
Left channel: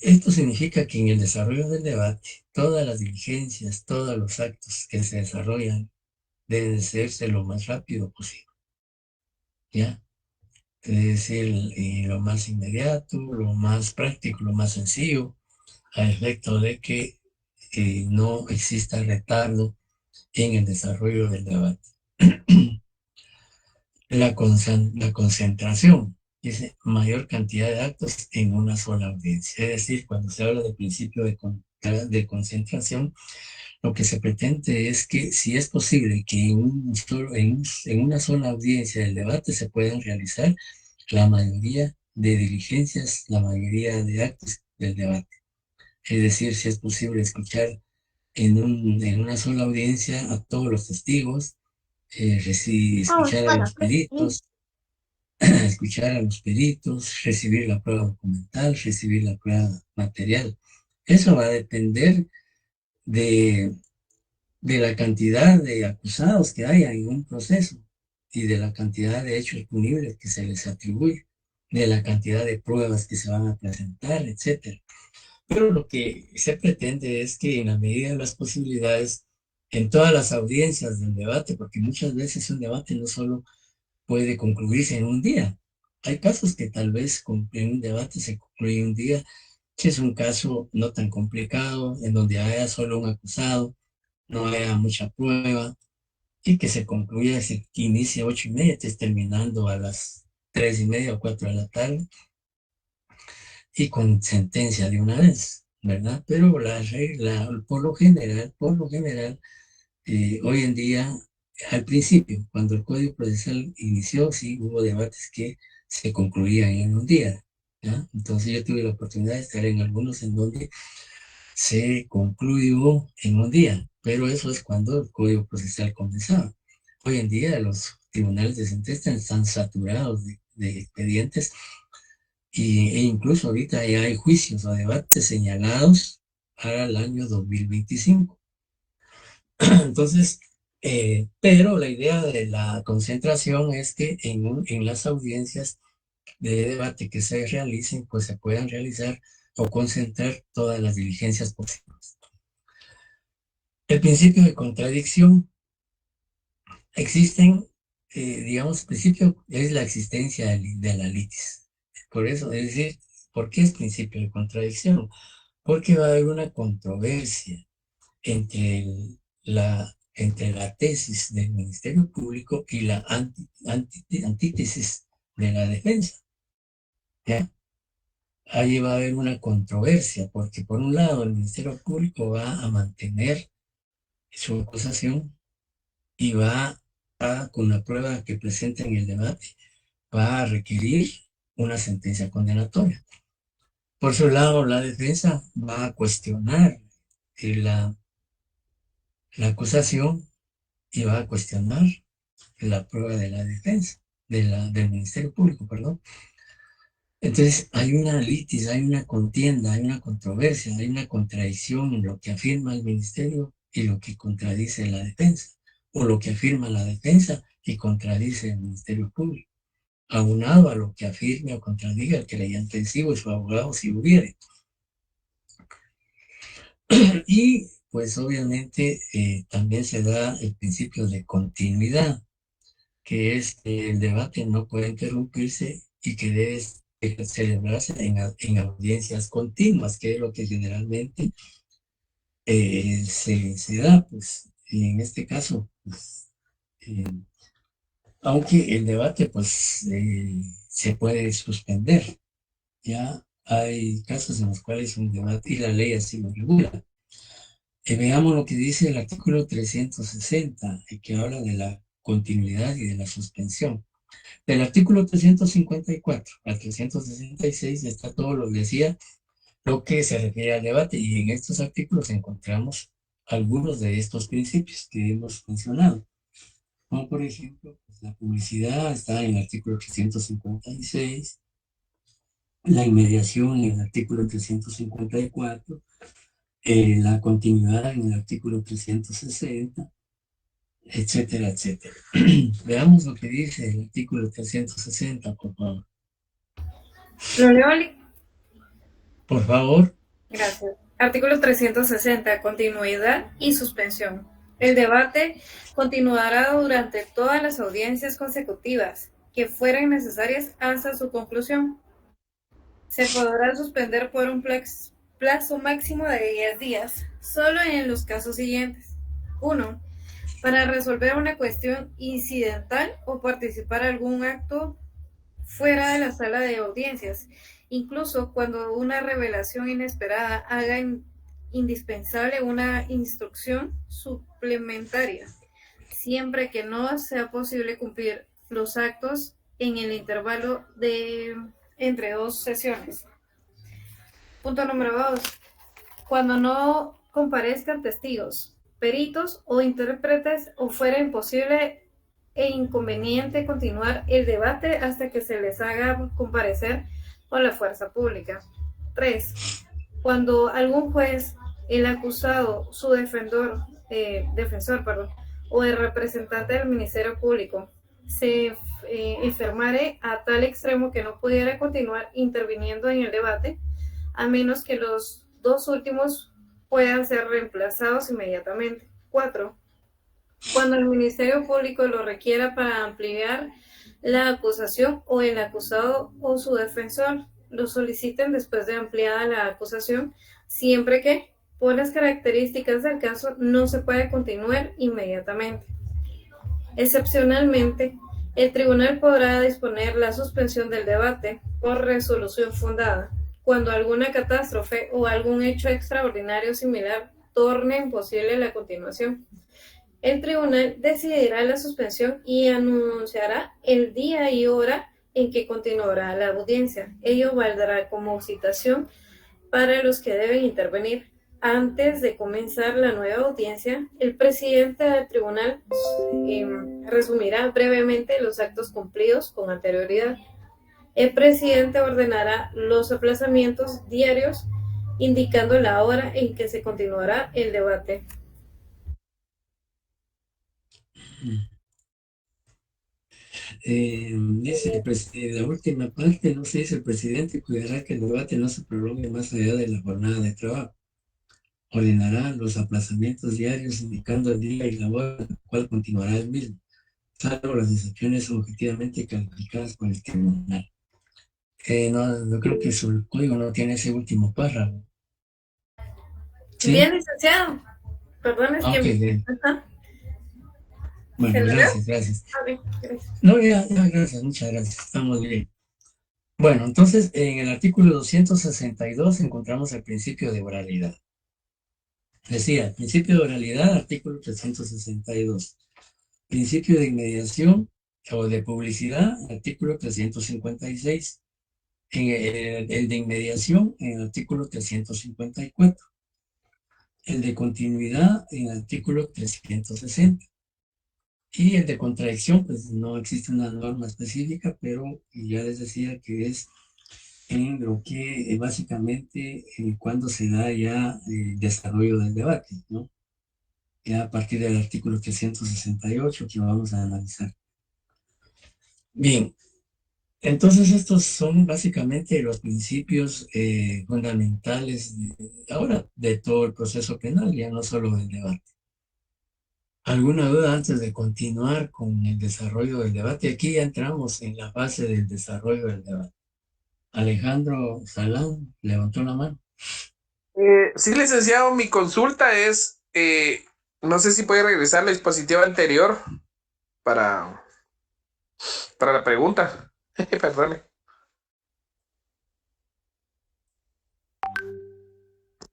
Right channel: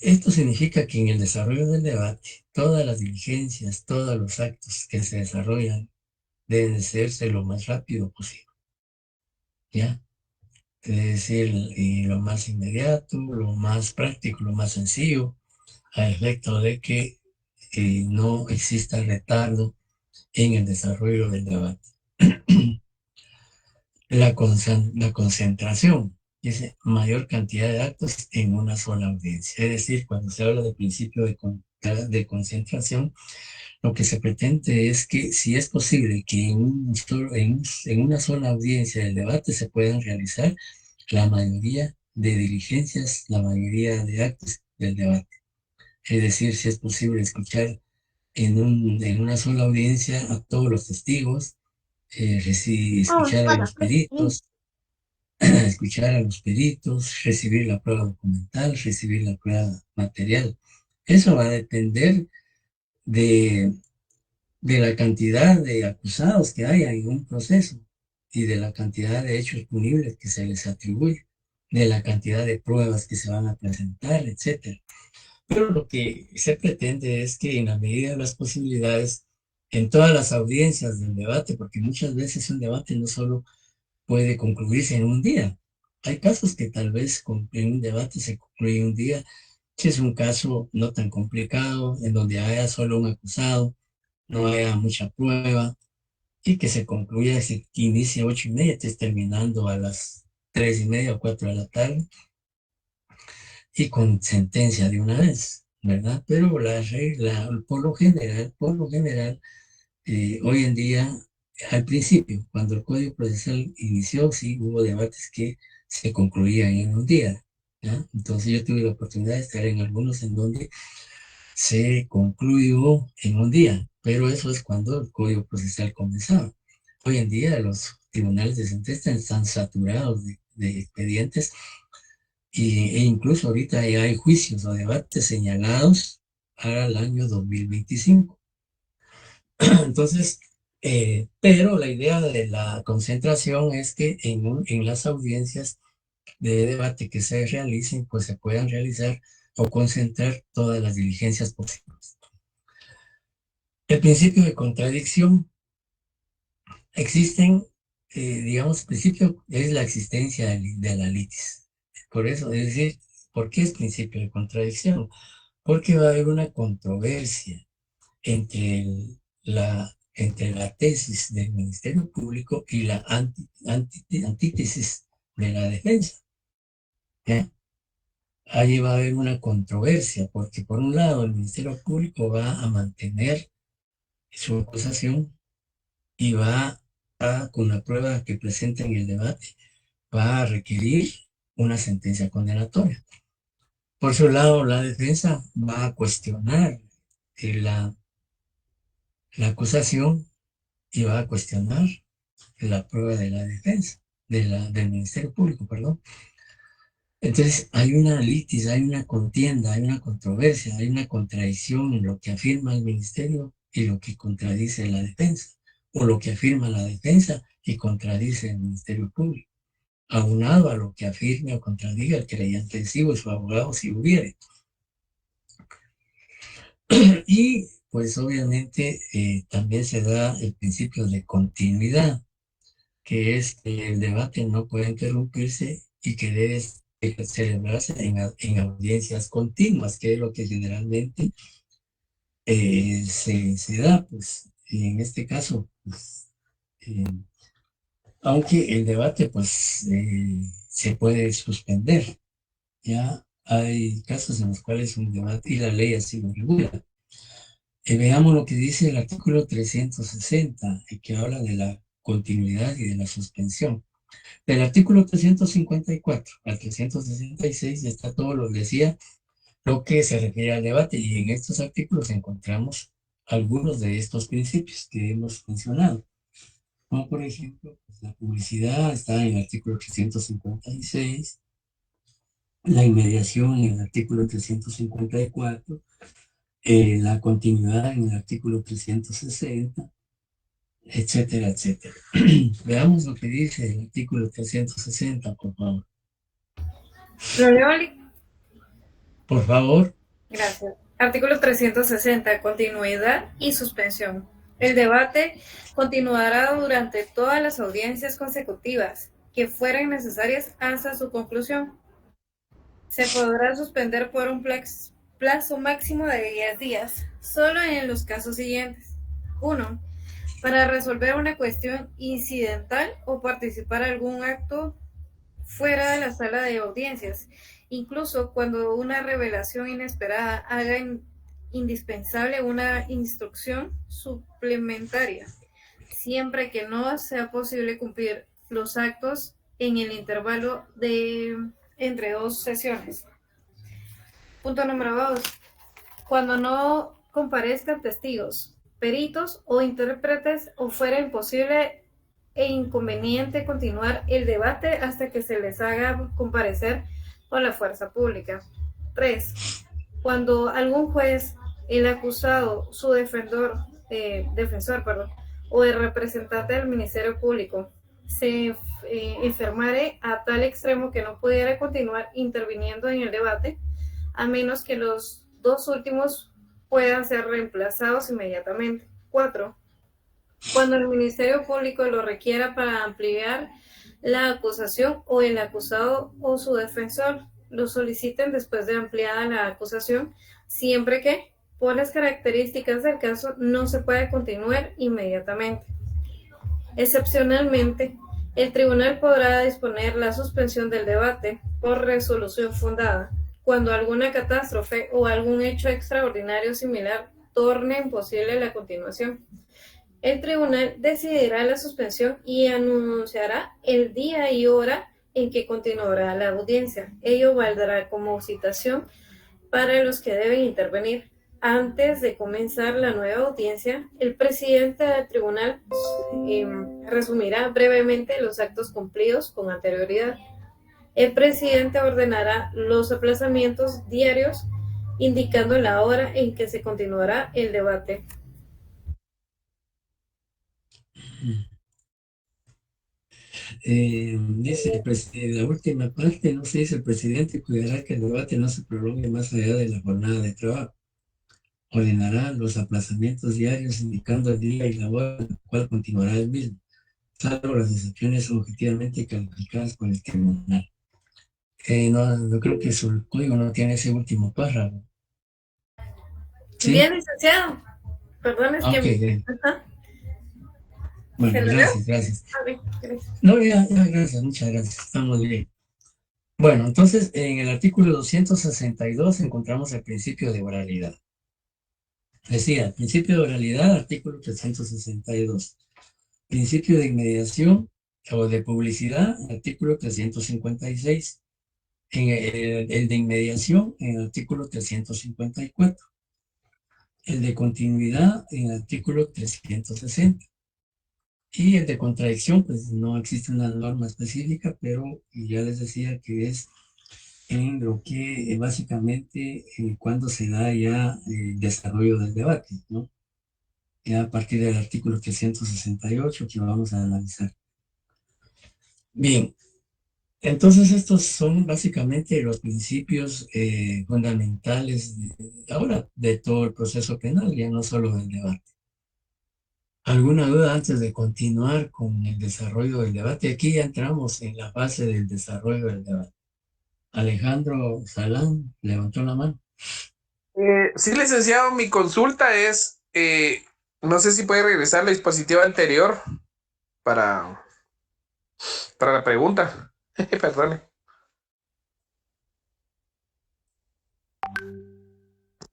Esto significa que en el desarrollo del debate, todas las diligencias, todos los actos que se desarrollan deben hacerse lo más rápido posible, ¿ya? Es decir, lo más inmediato, lo más práctico, lo más sencillo, a efecto de que no exista retardo en el desarrollo del debate. La concentración, dice, mayor cantidad de actos en una sola audiencia. Es decir, cuando se habla de principio de concentración, lo que se pretende es que si es posible que en una sola audiencia del debate se puedan realizar la mayoría de diligencias, la mayoría de actos del debate. Es decir, si es posible escuchar en una sola audiencia a todos los testigos, escuchar a los peritos, escuchar a los peritos, recibir la prueba documental, recibir la prueba material. Eso va a depender de, de la cantidad de acusados que haya en un proceso y de la cantidad de hechos punibles que se les atribuye, de la cantidad de pruebas que se van a presentar, etc. Pero lo que se pretende es que en la medida de las posibilidades, en todas las audiencias del debate, porque muchas veces un debate no solo puede concluirse en un día. Hay casos que tal vez en un debate se concluye un día, si es un caso no tan complicado, en donde haya solo un acusado, no haya mucha prueba, y que se concluya, se inicie 8:30, estés terminando a las 3:30 o 4 de la tarde, y con sentencia de una vez, ¿verdad? Pero la regla, por lo general, hoy en día, al principio, cuando el Código Procesal inició, sí hubo debates que se concluían en un día, ¿ya? Entonces yo tuve la oportunidad de estar en algunos en donde se concluyó en un día, pero eso es cuando el Código Procesal comenzaba. Hoy en día los tribunales de sentencia están saturados de expedientes e incluso ahorita ya hay juicios o debates señalados para el año 2025. Entonces, Pero la idea de la concentración es que en las audiencias de debate que se realicen, pues se puedan realizar o concentrar todas las diligencias posibles. El principio de contradicción. Existen, digamos, principio es la existencia de la litis. Por eso, es decir, ¿por qué es principio de contradicción? Porque va a haber una controversia entre, entre la tesis del Ministerio Público y la antítesis de la defensa. ¿Ya? Ahí va a haber una controversia, porque por un lado el Ministerio Público va a mantener su acusación y con la prueba que presenta en el debate, va a requerir una sentencia condenatoria. Por su lado, la defensa va a cuestionar la, la acusación y va a cuestionar la prueba de la defensa, del Ministerio Público, perdón. Entonces, hay una litis, hay una contienda, hay una controversia, hay una contradicción en lo que afirma el Ministerio y lo que contradice la defensa, o lo que afirma la defensa y contradice el Ministerio Público, aunado a lo que afirme o contradiga el creyente en sí o su abogado si hubiere. Y pues obviamente también se da el principio de continuidad, que es que el debate no puede interrumpirse y que debe celebrarse en audiencias continuas, que es lo que generalmente se da, pues, y en este caso, pues, eh, aunque el debate, pues, se puede suspender, ya hay casos en los cuales un debate, y la ley así lo regula. Veamos lo que dice el artículo 360, que habla de la continuidad y de la suspensión. Del artículo 354 al 366 está todo lo que decía, lo que se refiere al debate, y en estos artículos encontramos algunos de estos principios que hemos mencionado. Como por ejemplo, pues, la publicidad está en el artículo 356, la inmediación en el artículo 354, la continuidad en el artículo 360, etcétera, etcétera. Veamos lo que dice el artículo 360, por favor. Lo leo, Ali. Por favor. Gracias. Artículo 360. Continuidad y suspensión. El debate continuará durante todas las audiencias consecutivas que fueran necesarias hasta su conclusión. Se podrá suspender por un plazo máximo de 10 días, solo en los casos siguientes. 1. Para resolver una cuestión incidental o participar en algún acto fuera de la sala de audiencias, incluso cuando una revelación inesperada haga indispensable una instrucción suplementaria, siempre que no sea posible cumplir los actos en el intervalo de entre dos sesiones. Punto número 2. Cuando no comparezcan testigos, peritos o intérpretes o fuera imposible e inconveniente continuar el debate hasta que se les haga comparecer por la fuerza pública. 3. Cuando algún juez, el acusado, su defensor, o el representante del Ministerio Público se enfermare a tal extremo que no pudiera continuar interviniendo en el debate, a menos que los dos últimos puedan ser reemplazados inmediatamente. 4. Cuando el Ministerio Público lo requiera para ampliar la acusación o el acusado o su defensor lo soliciten después de ampliada la acusación, siempre que, por las características del caso, no se puede continuar inmediatamente. Excepcionalmente, el tribunal podrá disponer la suspensión del debate por resolución fundada, cuando alguna catástrofe o algún hecho extraordinario similar torne imposible la continuación. El tribunal decidirá la suspensión y anunciará el día y hora en que continuará la audiencia. Ello valdrá como citación para los que deben intervenir. Antes de comenzar la nueva audiencia, el presidente del tribunal resumirá brevemente los actos cumplidos con anterioridad. El presidente ordenará los aplazamientos diarios, indicando la hora en que se continuará el debate. Dice la última parte, no se dice, el presidente cuidará que el debate no se prolongue más allá de la jornada de trabajo. Ordenará los aplazamientos diarios indicando el día y la hora en la cual continuará el mismo, salvo las excepciones objetivamente calificadas por el tribunal. No, yo creo que su código no tiene ese último párrafo. ¿Sí? Bien, licenciado. Perdón, es Ok, que... bien. Ajá. Bueno, gracias. Gracias. No, ya, gracias, muchas gracias, estamos bien. Bueno, entonces en el artículo 262 encontramos el principio de oralidad. Decía, principio de oralidad, artículo 362. Principio de inmediación o de publicidad, artículo 356. En el de inmediación, en el artículo 354. El de continuidad, en el artículo 360. Y el de contradicción, pues no existe una norma específica, pero ya les decía que es en lo que básicamente cuando se da ya el desarrollo del debate, ¿no? Ya a partir del artículo 368 que vamos a analizar. Bien, entonces estos son básicamente los principios fundamentales ahora de todo el proceso penal, ya no solo del debate. ¿Alguna duda antes de continuar con el desarrollo del debate? Aquí ya entramos en la fase del desarrollo del debate. Alejandro Salán levantó la mano. Sí, licenciado, mi consulta es, no sé si puede regresar la dispositiva anterior para la pregunta. Perdone.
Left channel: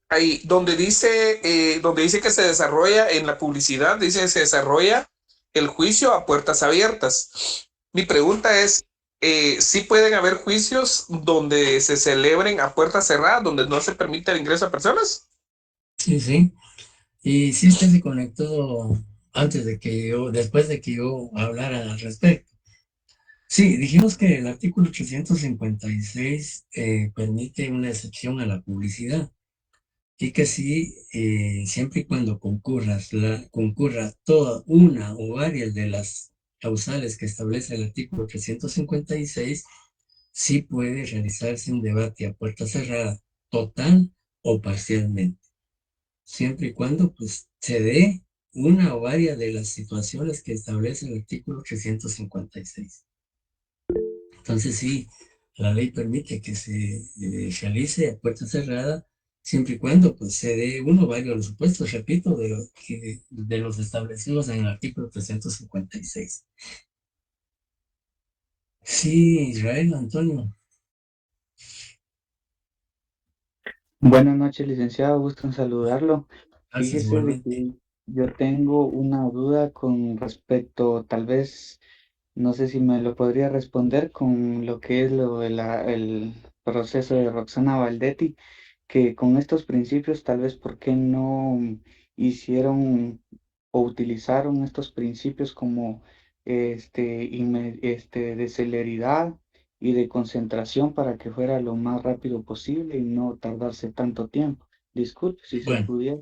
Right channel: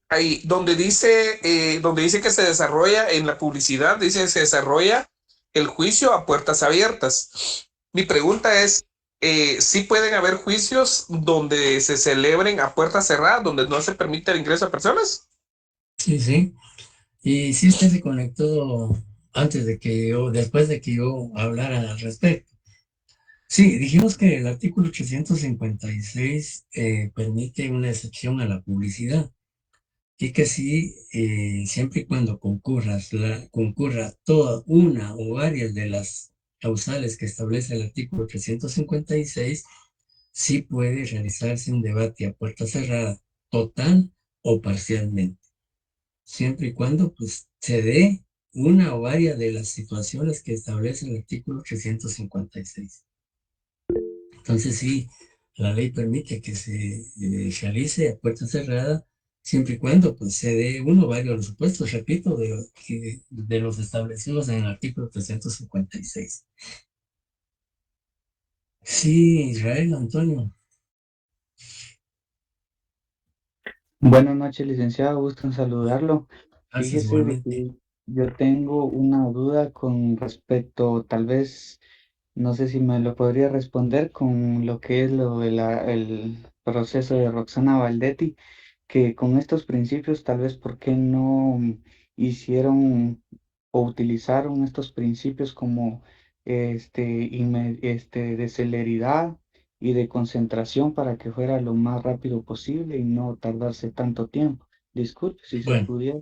Ahí, donde dice que se desarrolla en la publicidad, dice que se desarrolla el juicio a puertas abiertas. Mi pregunta es, ¿sí pueden haber juicios donde se celebren a puertas cerradas, donde no se permite el ingreso a personas? Sí, sí. Y sí, usted se conectó antes de que yo, después de que yo hablara al respecto. Sí, dijimos que el artículo 856 permite una excepción a la publicidad y que sí, siempre y cuando concurra toda una o varias de las causales que establece el artículo 356, sí puede realizarse un debate a puerta cerrada, total o parcialmente, siempre y cuando pues, se dé una o varias de las situaciones que establece el artículo 356. Entonces sí, la ley permite que se realice a puerta cerrada, siempre y cuando pues, se dé uno o varios de los supuestos, repito, de los establecidos en el artículo 356. Sí, Israel, Antonio. Buenas noches, licenciado, gusto en saludarlo. Gracias Fíjese de igualmente. que yo tengo una duda con respecto, tal vez, no sé si me lo podría responder con lo que es el proceso de Roxana Valdetti, que con estos principios, tal vez, ¿por qué no hicieron o utilizaron estos principios como de celeridad y de concentración para que fuera lo más rápido posible y no tardarse tanto tiempo? Disculpe si se Bueno, pudiera.